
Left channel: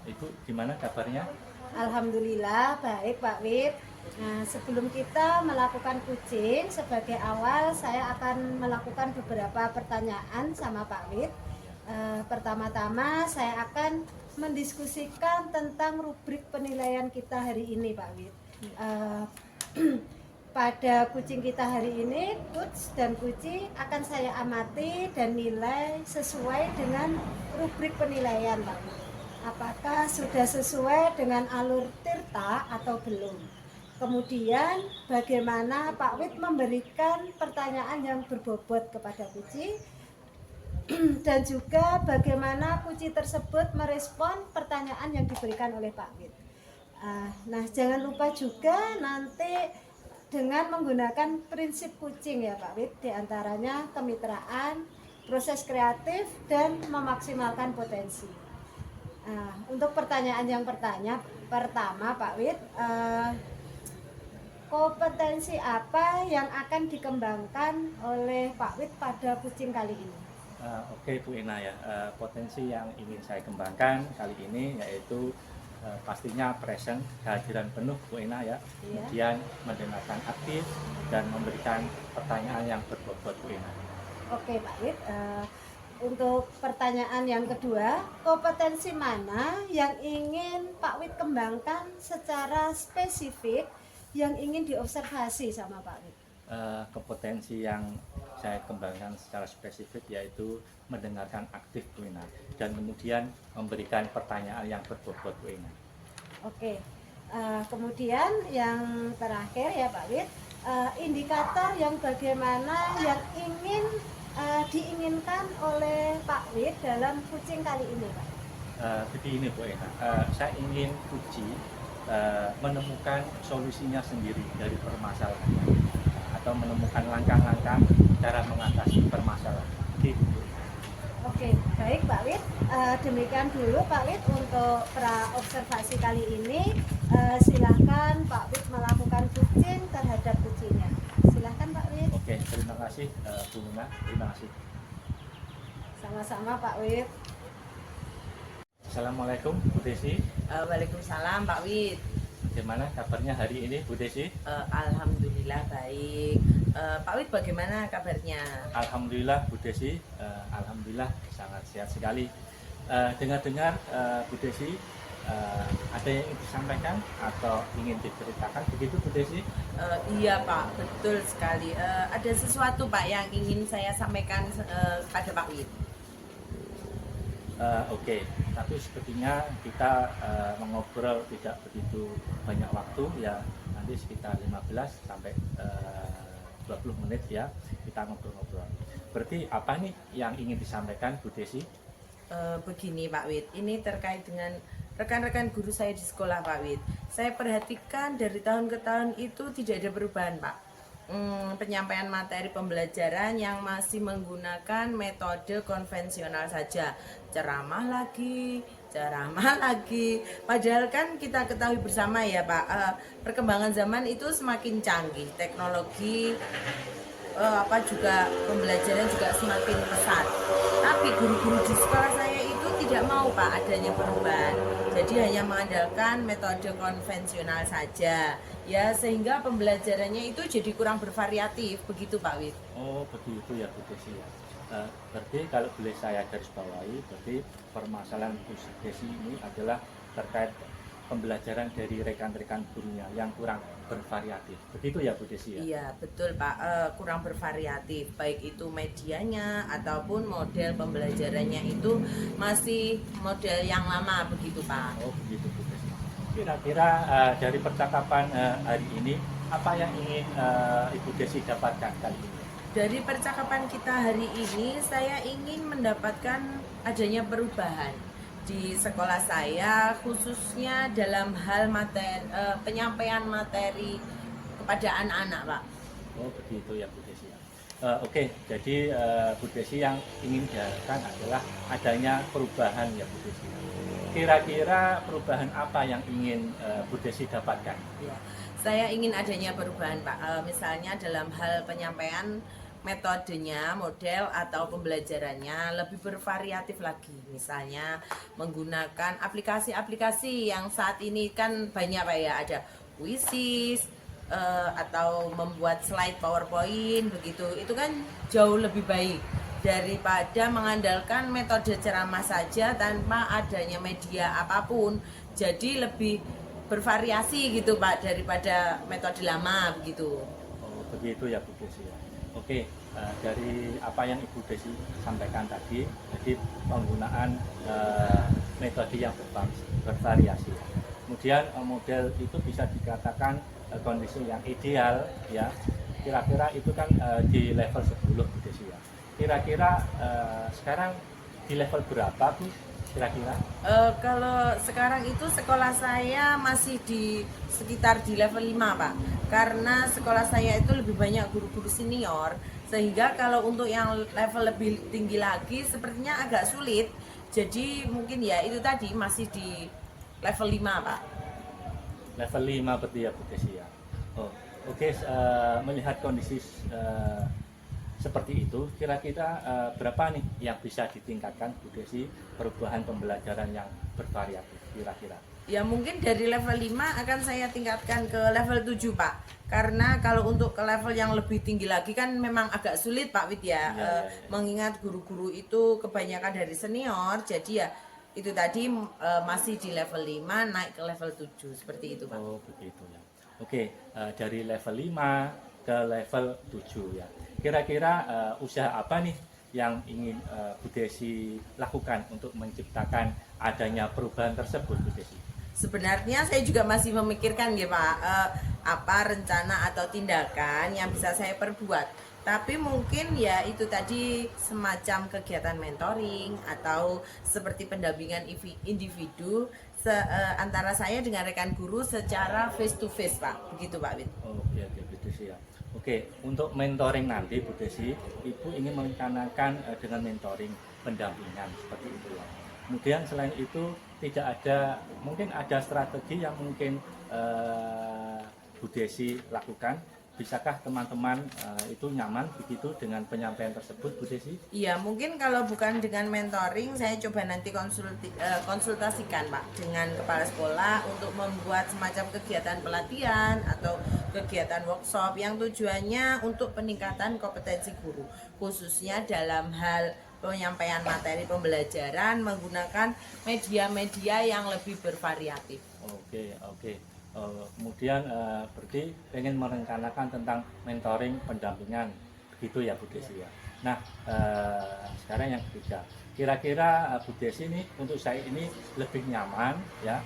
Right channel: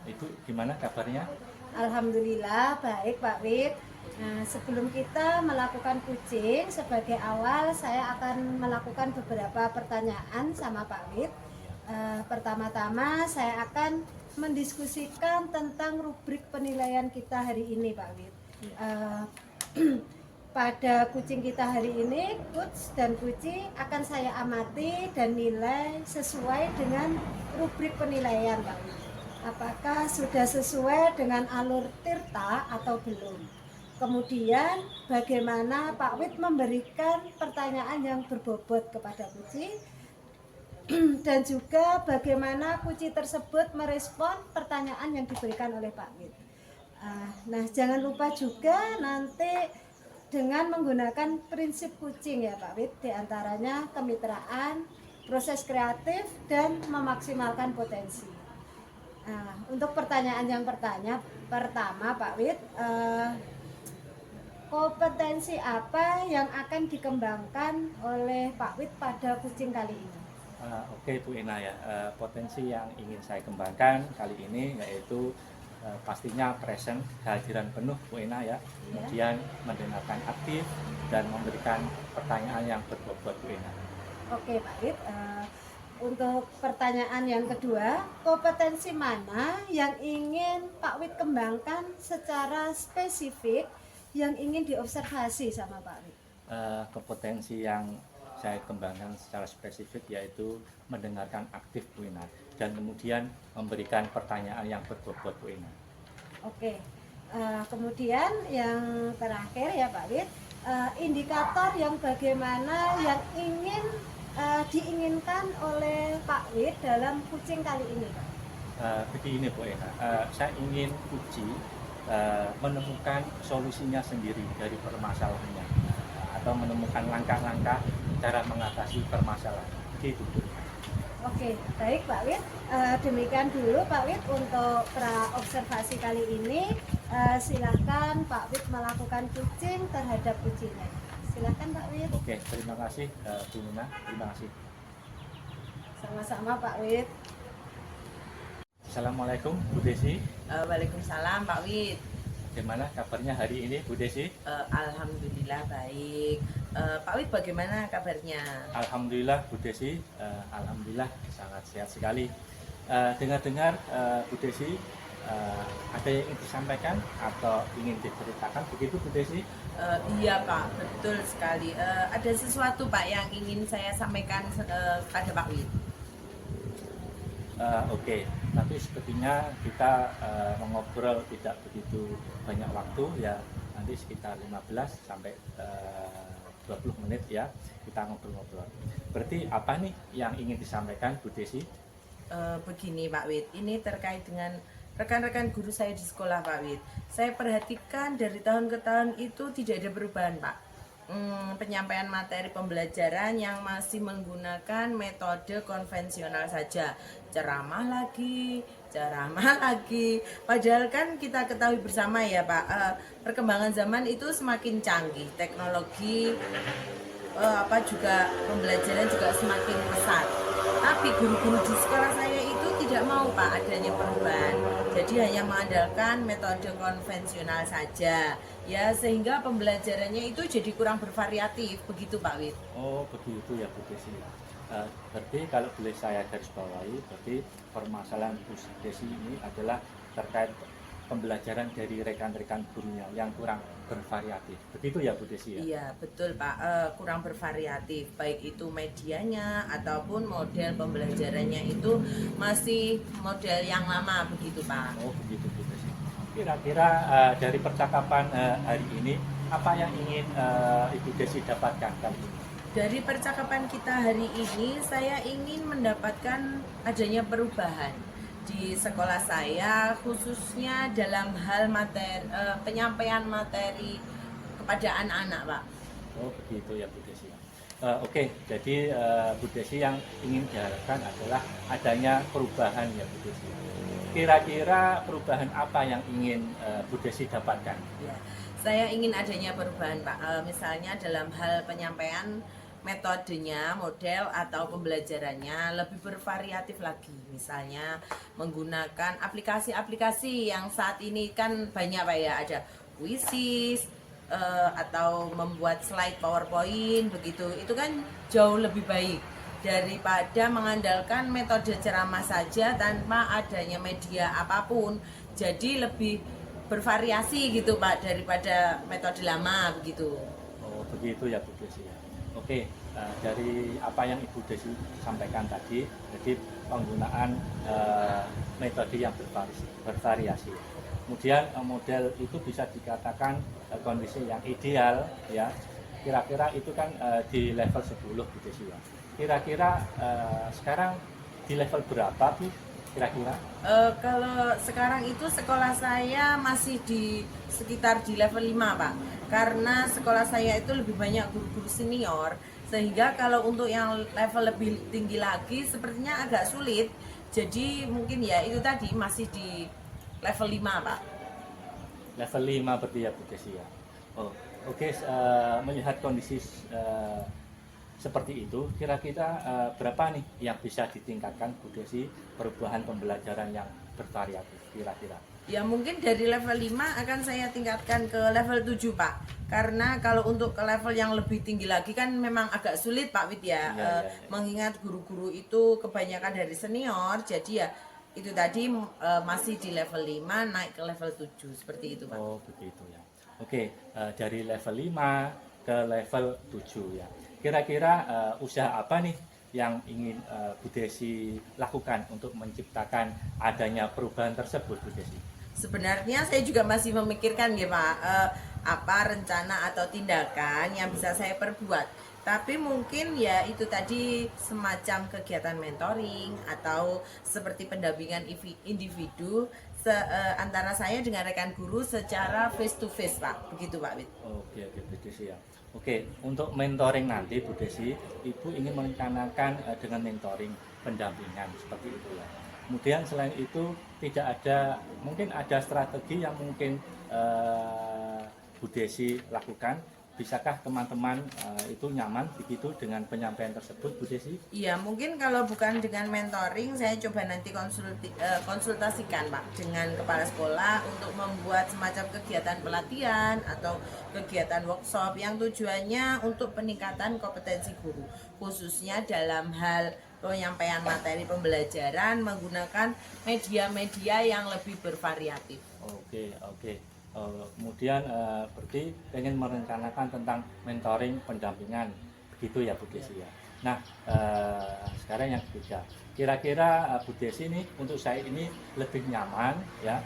Ibu gimana kabarnya? Alhamdulillah baik Pak Wid. Nah, sebelum kita melakukan kucing, sebagai awal saya akan melakukan beberapa pertanyaan sama Pak Wid. Pertama-tama saya akan mendiskusikan tentang rubrik penilaian kita hari ini Pak Wid. Pada kucing kita hari ini, coach dan kucing akan saya amati dan nilai sesuai dengan rubrik penilaian Pak Wid. Apakah sudah sesuai dengan alur tirta atau belum? Kemudian bagaimana Pak Wid memberikan pertanyaan yang berbobot kepada kucing dan juga bagaimana kucing tersebut merespon pertanyaan yang diberikan oleh Pak Wid. Nah, jangan lupa juga nanti dengan menggunakan prinsip kucing ya Pak Wid, diantaranya kemitraan, proses kreatif, dan memaksimalkan potensi. Untuk pertanyaan yang pertama Pak Wid, kompetensi apa yang akan dikembangkan oleh Pak Wid pada kucing kali ini? Oke Bu Ina ya, potensi yang ingin saya kembangkan kali ini yaitu pastinya present, kehadiran penuh Bu Ina ya, kemudian mendengarkan aktif dan memberikan pertanyaan yang berbobot Bu Ina. Oke Pak Wid, untuk pertanyaan yang kedua, kompetensi mana yang ingin Pak Wid kembangkan secara spesifik yang ingin diobservasi sama Pak Wid? Kompetensi yang saya kembangkan secara spesifik yaitu mendengarkan aktif Bu Ina dan kemudian memberikan pertanyaan yang berbobot Bu Ina. Oke, kemudian yang terakhir ya Pak Wid, indikator yang bagaimana yang ingin diinginkan oleh Pak Wid dalam kucing kali ini Pak? Begini Bu Ina, saya ingin kucing menemukan solusinya sendiri dari permasalahannya atau menemukan langkah-langkah cara mengatasi permasalahan. Gitu. Oke, baik Pak Wid. Demikian dulu Pak Wid untuk pra observasi kali ini. Silahkan Pak Wid melakukan kucing terhadap kucingnya. Silahkan Pak Wid. Oke, terima kasih Bu Nuna, terima kasih. Sama-sama Pak Wid. Assalamualaikum Bu Desi. Waalaikumsalam Pak Wid. Bagaimana kabarnya hari ini Bu Desi? Alhamdulillah baik. Pak Wid bagaimana kabarnya? Alhamdulillah Bu Desi, alhamdulillah sangat sehat sekali. Dengar-dengar Bu Desi ada yang ingin disampaikan atau ingin diceritakan begitu Bu Desi? Iya Pak, betul sekali. Ada sesuatu Pak yang ingin saya sampaikan pada Pak Wid. Oke, tapi sepertinya kita mengobrol tidak begitu banyak waktu ya, nanti sekitar 15 sampai 20 menit ya kita ngobrol-ngobrol. Berarti apa nih yang ingin disampaikan Bu Desi? Begini Pak Wid, ini terkait dengan rekan-rekan guru saya di sekolah Pak Wid. Saya perhatikan dari tahun ke tahun itu tidak ada perubahan Pak. Penyampaian materi pembelajaran yang masih menggunakan metode konvensional saja, ceramah lagi. Padahal kan kita ketahui bersama ya Pak, perkembangan zaman itu semakin canggih, teknologi juga pembelajaran juga semakin pesat. Tapi guru-guru di sekolah saya itu tidak mau Pak adanya perubahan. Jadi hanya mengandalkan metode konvensional saja. Ya sehingga pembelajarannya itu jadi kurang bervariatif, begitu Pak Wid. Oh begitu ya Bu Desi. Berarti kalau boleh saya garis bawahi, berarti permasalahan Bu Desi ini adalah terkait pembelajaran dari rekan-rekan gurunya yang kurang bervariatif. Begitu ya Bu Desi ya? Iya betul Pak, kurang bervariatif. Baik itu medianya ataupun model pembelajarannya itu masih model yang lama, begitu Pak. Oh begitu Bu Desi. Kira-kira dari percakapan hari ini apa yang ingin Ibu Desi dapatkan kali ini? Dari percakapan kita hari ini, saya ingin mendapatkan adanya perubahan di sekolah saya, khususnya dalam hal penyampaian materi kepada anak-anak, Pak. Oh begitu ya Bu Desi. Oke, jadi Bu Desi yang ingin diharapkan adalah adanya perubahan ya Bu Desi. Kira-kira perubahan apa yang ingin Bu Desi dapatkan? Ya, saya ingin adanya perubahan Pak. Misalnya dalam hal penyampaian metodenya, model atau pembelajarannya lebih bervariatif lagi. Misalnya menggunakan aplikasi-aplikasi yang saat ini kan banyak Pak ya, ada Quizzes atau membuat slide PowerPoint begitu. Itu kan jauh lebih baik daripada mengandalkan metode ceramah saja tanpa adanya media apapun. Jadi lebih bervariasi gitu Pak daripada metode lama begitu. Oh begitu ya Bu Desi ya. Oke, dari apa yang Ibu Desi sampaikan tadi, jadi penggunaan metode yang bervariasi. Kemudian model itu bisa dikatakan kondisi yang ideal ya. Kira-kira itu kan di level 10 Bu Desi ya. Kira-kira sekarang di level berapa Bu? Kira-kira? Kalau sekarang itu sekolah saya masih di sekitar di level 5 Pak. Karena sekolah saya itu lebih banyak guru-guru senior, sehingga kalau untuk yang level lebih tinggi lagi sepertinya agak sulit. Jadi mungkin ya itu tadi masih di level 5 Pak. Level 5 berarti ya Bu Desi ya. Oh, oke, melihat kondisi seperti itu, kira-kira berapa nih yang bisa ditingkatkan Bu Desi perubahan pembelajaran yang bervariatif kira-kira? Ya mungkin dari level 5 akan saya tingkatkan ke level 7 Pak. Karena kalau untuk ke level yang lebih tinggi lagi kan memang agak sulit Pak Wid ya. Mengingat guru-guru itu kebanyakan dari senior, jadi ya itu tadi masih di level 5 naik ke level 7 seperti itu Pak. Oh begitu ya. Oke, dari level 5 ke level 7 ya. Kira-kira usaha apa nih yang ingin Bu Desi lakukan untuk menciptakan adanya perubahan tersebut Bu Desi? Sebenarnya saya juga masih memikirkan ya Pak, apa rencana atau tindakan yang bisa saya perbuat. Tapi mungkin ya itu tadi semacam kegiatan mentoring atau seperti pendampingan individu antara saya dengan rekan guru secara face to face, Pak. Begitu, Pak Wid. Oke, Bu Desi ya. Oke, untuk mentoring nanti Bu Desi, Ibu ini merencanakan dengan mentoring pendampingan seperti itu ya. Kemudian selain itu tidak ada, mungkin ada strategi yang mungkin Bu Desi lakukan. Bisakah teman-teman itu nyaman begitu dengan penyampaian tersebut, Bu Desi? Iya, mungkin kalau bukan dengan mentoring, saya coba nanti konsultasikan, Pak, dengan kepala sekolah untuk membuat semacam kegiatan pelatihan atau kegiatan workshop yang tujuannya untuk peningkatan kompetensi guru, khususnya dalam hal penyampaian materi pembelajaran menggunakan media-media yang lebih bervariatif. Oke. Kemudian berarti ingin merencanakan tentang mentoring pendampingan begitu ya Bu Desi ya. Nah sekarang yang ketiga, kira-kira Bu Desi ini untuk saya ini lebih nyaman ya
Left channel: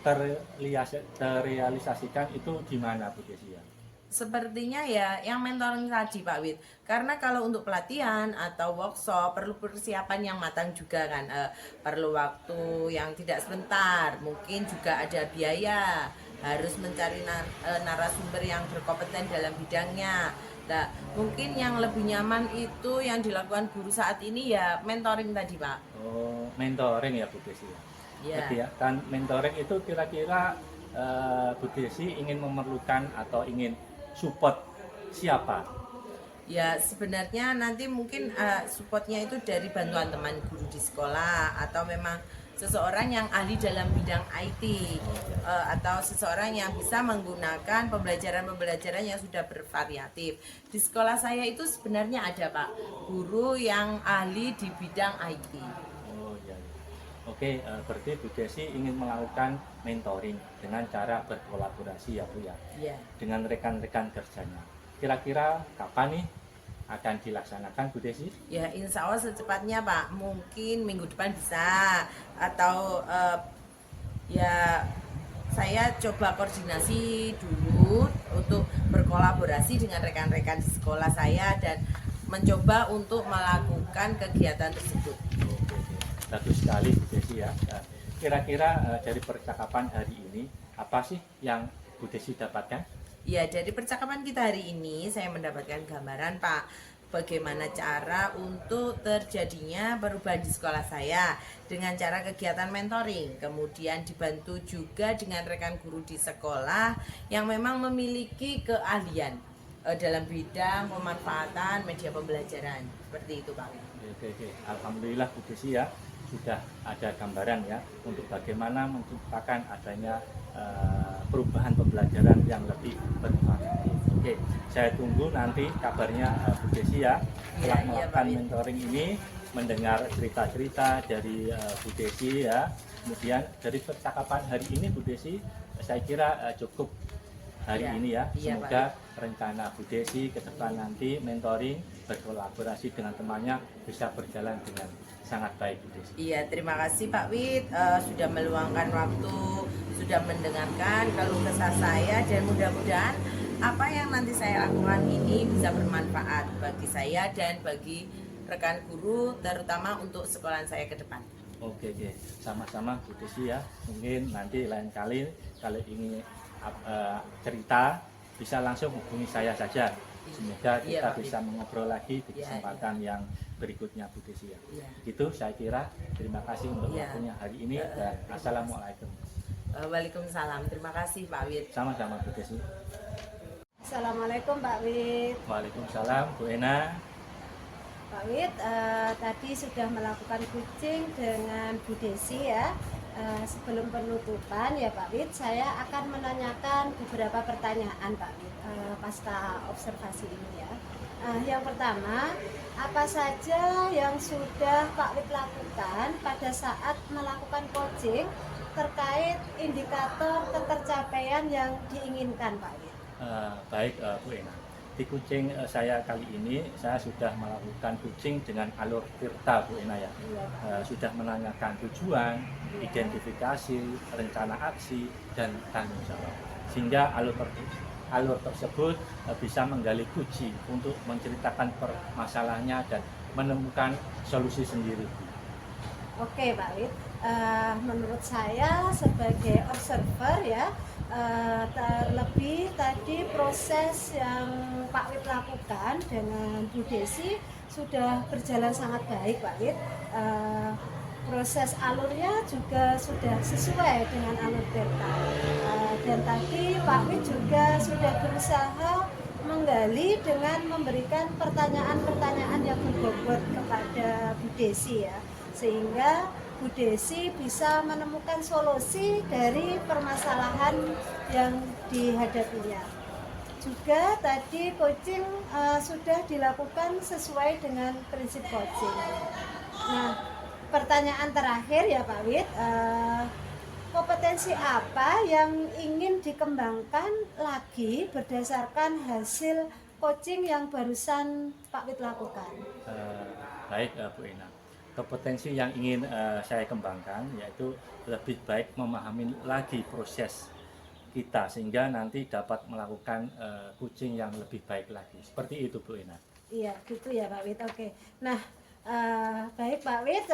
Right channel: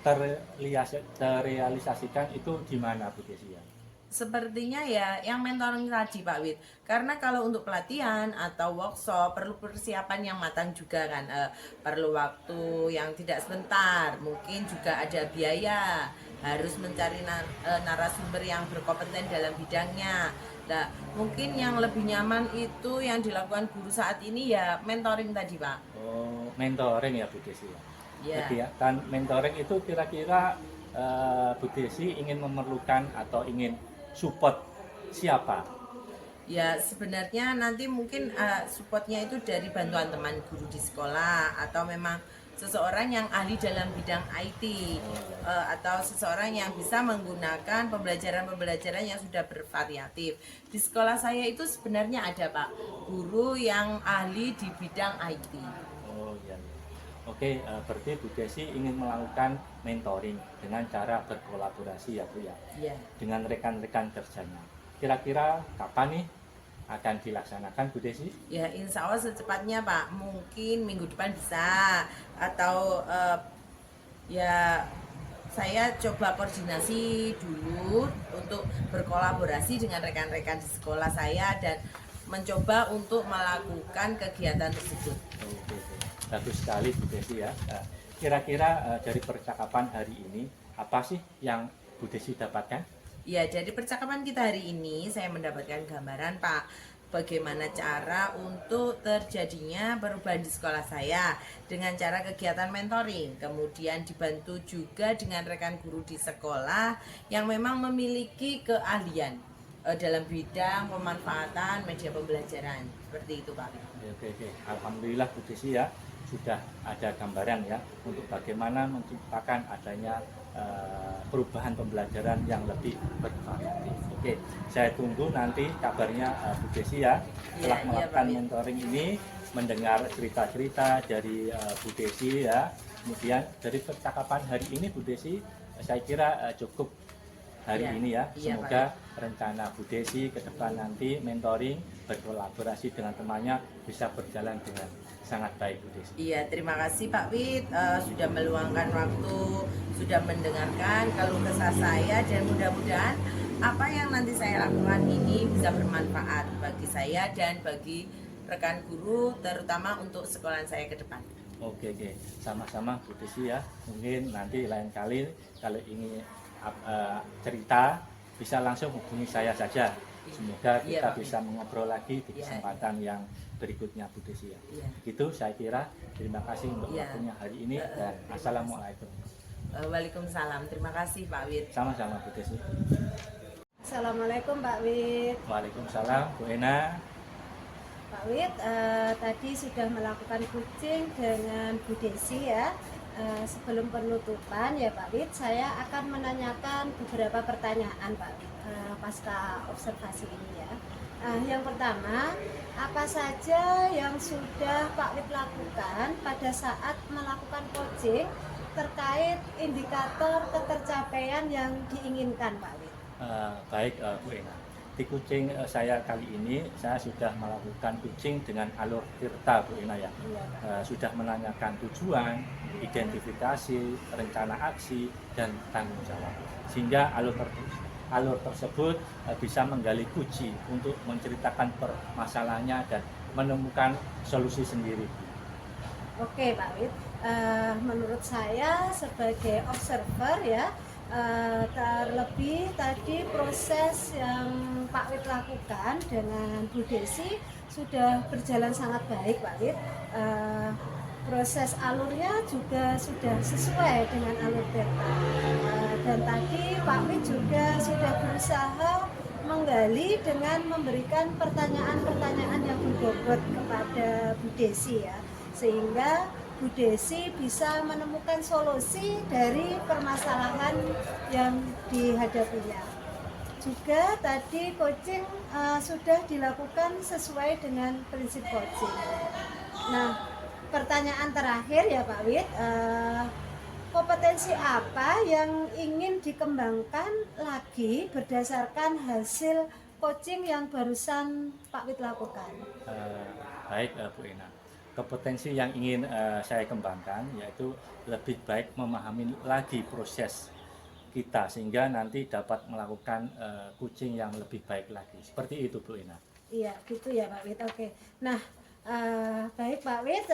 terrealisasikan itu di mana Bu Desi ya? Sepertinya ya yang mentoring tadi, Pak Wid. Karena kalau untuk pelatihan atau workshop perlu persiapan yang matang juga kan, perlu waktu yang tidak sebentar, mungkin juga ada biaya, harus mencari narasumber yang berkompeten dalam bidangnya. Nah, mungkin yang lebih nyaman itu yang dilakukan guru saat ini ya mentoring tadi, Pak. Oh, mentoring ya Bu Desi ya. Iya. Jadi ya, dan mentoring itu kira-kira Bu Desi ingin memerlukan atau ingin support siapa? Ya sebenarnya nanti mungkin supportnya itu dari bantuan teman guru di sekolah atau memang seseorang yang ahli dalam bidang IT atau seseorang yang bisa menggunakan pembelajaran yang sudah bervariatif. Di sekolah saya itu sebenarnya ada, Pak, guru yang ahli di bidang IT. Oh iya. Oke, berarti Bu Desi ingin melakukan mentoring dengan cara berkolaborasi ya Bu ya, Iya. dengan rekan-rekan kerjanya. Kira-kira kapan nih akan dilaksanakan Bu Desi? Ya insya Allah secepatnya, Pak. Mungkin minggu depan bisa atau ya saya coba koordinasi dulu untuk berkolaborasi dengan rekan-rekan di sekolah saya dan mencoba untuk melakukan kegiatan tersebut. Oke. Bagus sekali Bu Desi ya. Kira-kira dari percakapan hari ini apa sih yang Bu Desi dapatkan? Ya, dari percakapan kita hari ini saya mendapatkan gambaran, Pak, bagaimana cara untuk terjadinya perubahan di sekolah saya dengan cara kegiatan mentoring, kemudian dibantu juga dengan rekan guru di sekolah yang memang memiliki keahlian dalam bidang pemanfaatan media pembelajaran. Seperti itu, Pak. Oke. Alhamdulillah Bu Desi ya, sudah ada gambaran ya untuk bagaimana menciptakan adanya perubahan pembelajaran yang lebih bervariatif. Oke, saya tunggu nanti kabarnya Bu Desi ya setelah melakukan mentoring ini, mendengar cerita-cerita dari Bu Desi ya. Kemudian dari percakapan hari ini Bu Desi, saya kira cukup hari ini ya. Semoga rencana Bu Desi ke depan nanti mentoring berkolaborasi dengan temannya bisa berjalan dengan sangat baik Bu Desi. Iya, terima kasih Pak Wid sudah meluangkan waktu, sudah mendengarkan keluh kesah saya dan mudah-mudahan apa yang nanti saya lakukan ini bisa bermanfaat bagi saya dan bagi rekan guru, terutama untuk sekolahan saya ke depan. Oke, sama-sama Bu Desi ya. Mungkin nanti lain kali kalau ini cerita bisa langsung hubungi saya saja. Semoga kita bisa mengobrol lagi di kesempatan yang berikutnya Bu Desi ya. Itu saya kira. Terima kasih untuk waktunya hari ini dan assalamualaikum. Waalaikumsalam. Terima kasih Pak Wid. Sama-sama Bu Desi. Assalamualaikum Pak Wid. Waalaikumsalam Bu Ena. Pak Wid tadi sudah melakukan coaching dengan Bu Desi ya. Sebelum penutupan ya Pak Wid, saya akan menanyakan beberapa pertanyaan Pak Wid pasca observasi ini ya. Yang pertama, apa saja yang sudah Pak Wid lakukan pada saat melakukan coaching terkait indikator ketercapaian yang diinginkan Pak Wid? Baik Bu Ena. Di coaching saya kali ini saya sudah melakukan coaching dengan alur Tirta Bu Ena ya. Sudah menanyakan tujuan, identifikasi, rencana aksi dan tanggung jawab. Sehingga alur tersebut bisa menggali kunci untuk menceritakan permasalahannya dan menemukan solusi sendiri. Oke Pak Wid. Menurut saya sebagai observer ya, terlebih tadi proses yang Pak Wid lakukan dengan Bu Desi sudah berjalan sangat baik, Pak Wid. Proses alurnya juga sudah sesuai dengan alur beta. Dan tadi Pak Wid juga sudah berusaha menggali dengan memberikan pertanyaan-pertanyaan yang berbobot kepada Bu Desi ya, sehingga Bu Desi bisa menemukan solusi dari permasalahan yang dihadapinya. Juga tadi coaching sudah dilakukan sesuai dengan prinsip coaching. Nah, pertanyaan terakhir ya Pak Wid, kompetensi apa yang ingin dikembangkan lagi berdasarkan hasil coaching yang barusan Pak Wid lakukan? Baik Bu Ina, kompetensi yang ingin saya kembangkan yaitu lebih baik memahami lagi proses kita sehingga nanti dapat melakukan coaching yang lebih baik lagi. Seperti itu Bu Ina. Iya, gitu ya Pak Wid. Oke. Nah, baik Pak Wid.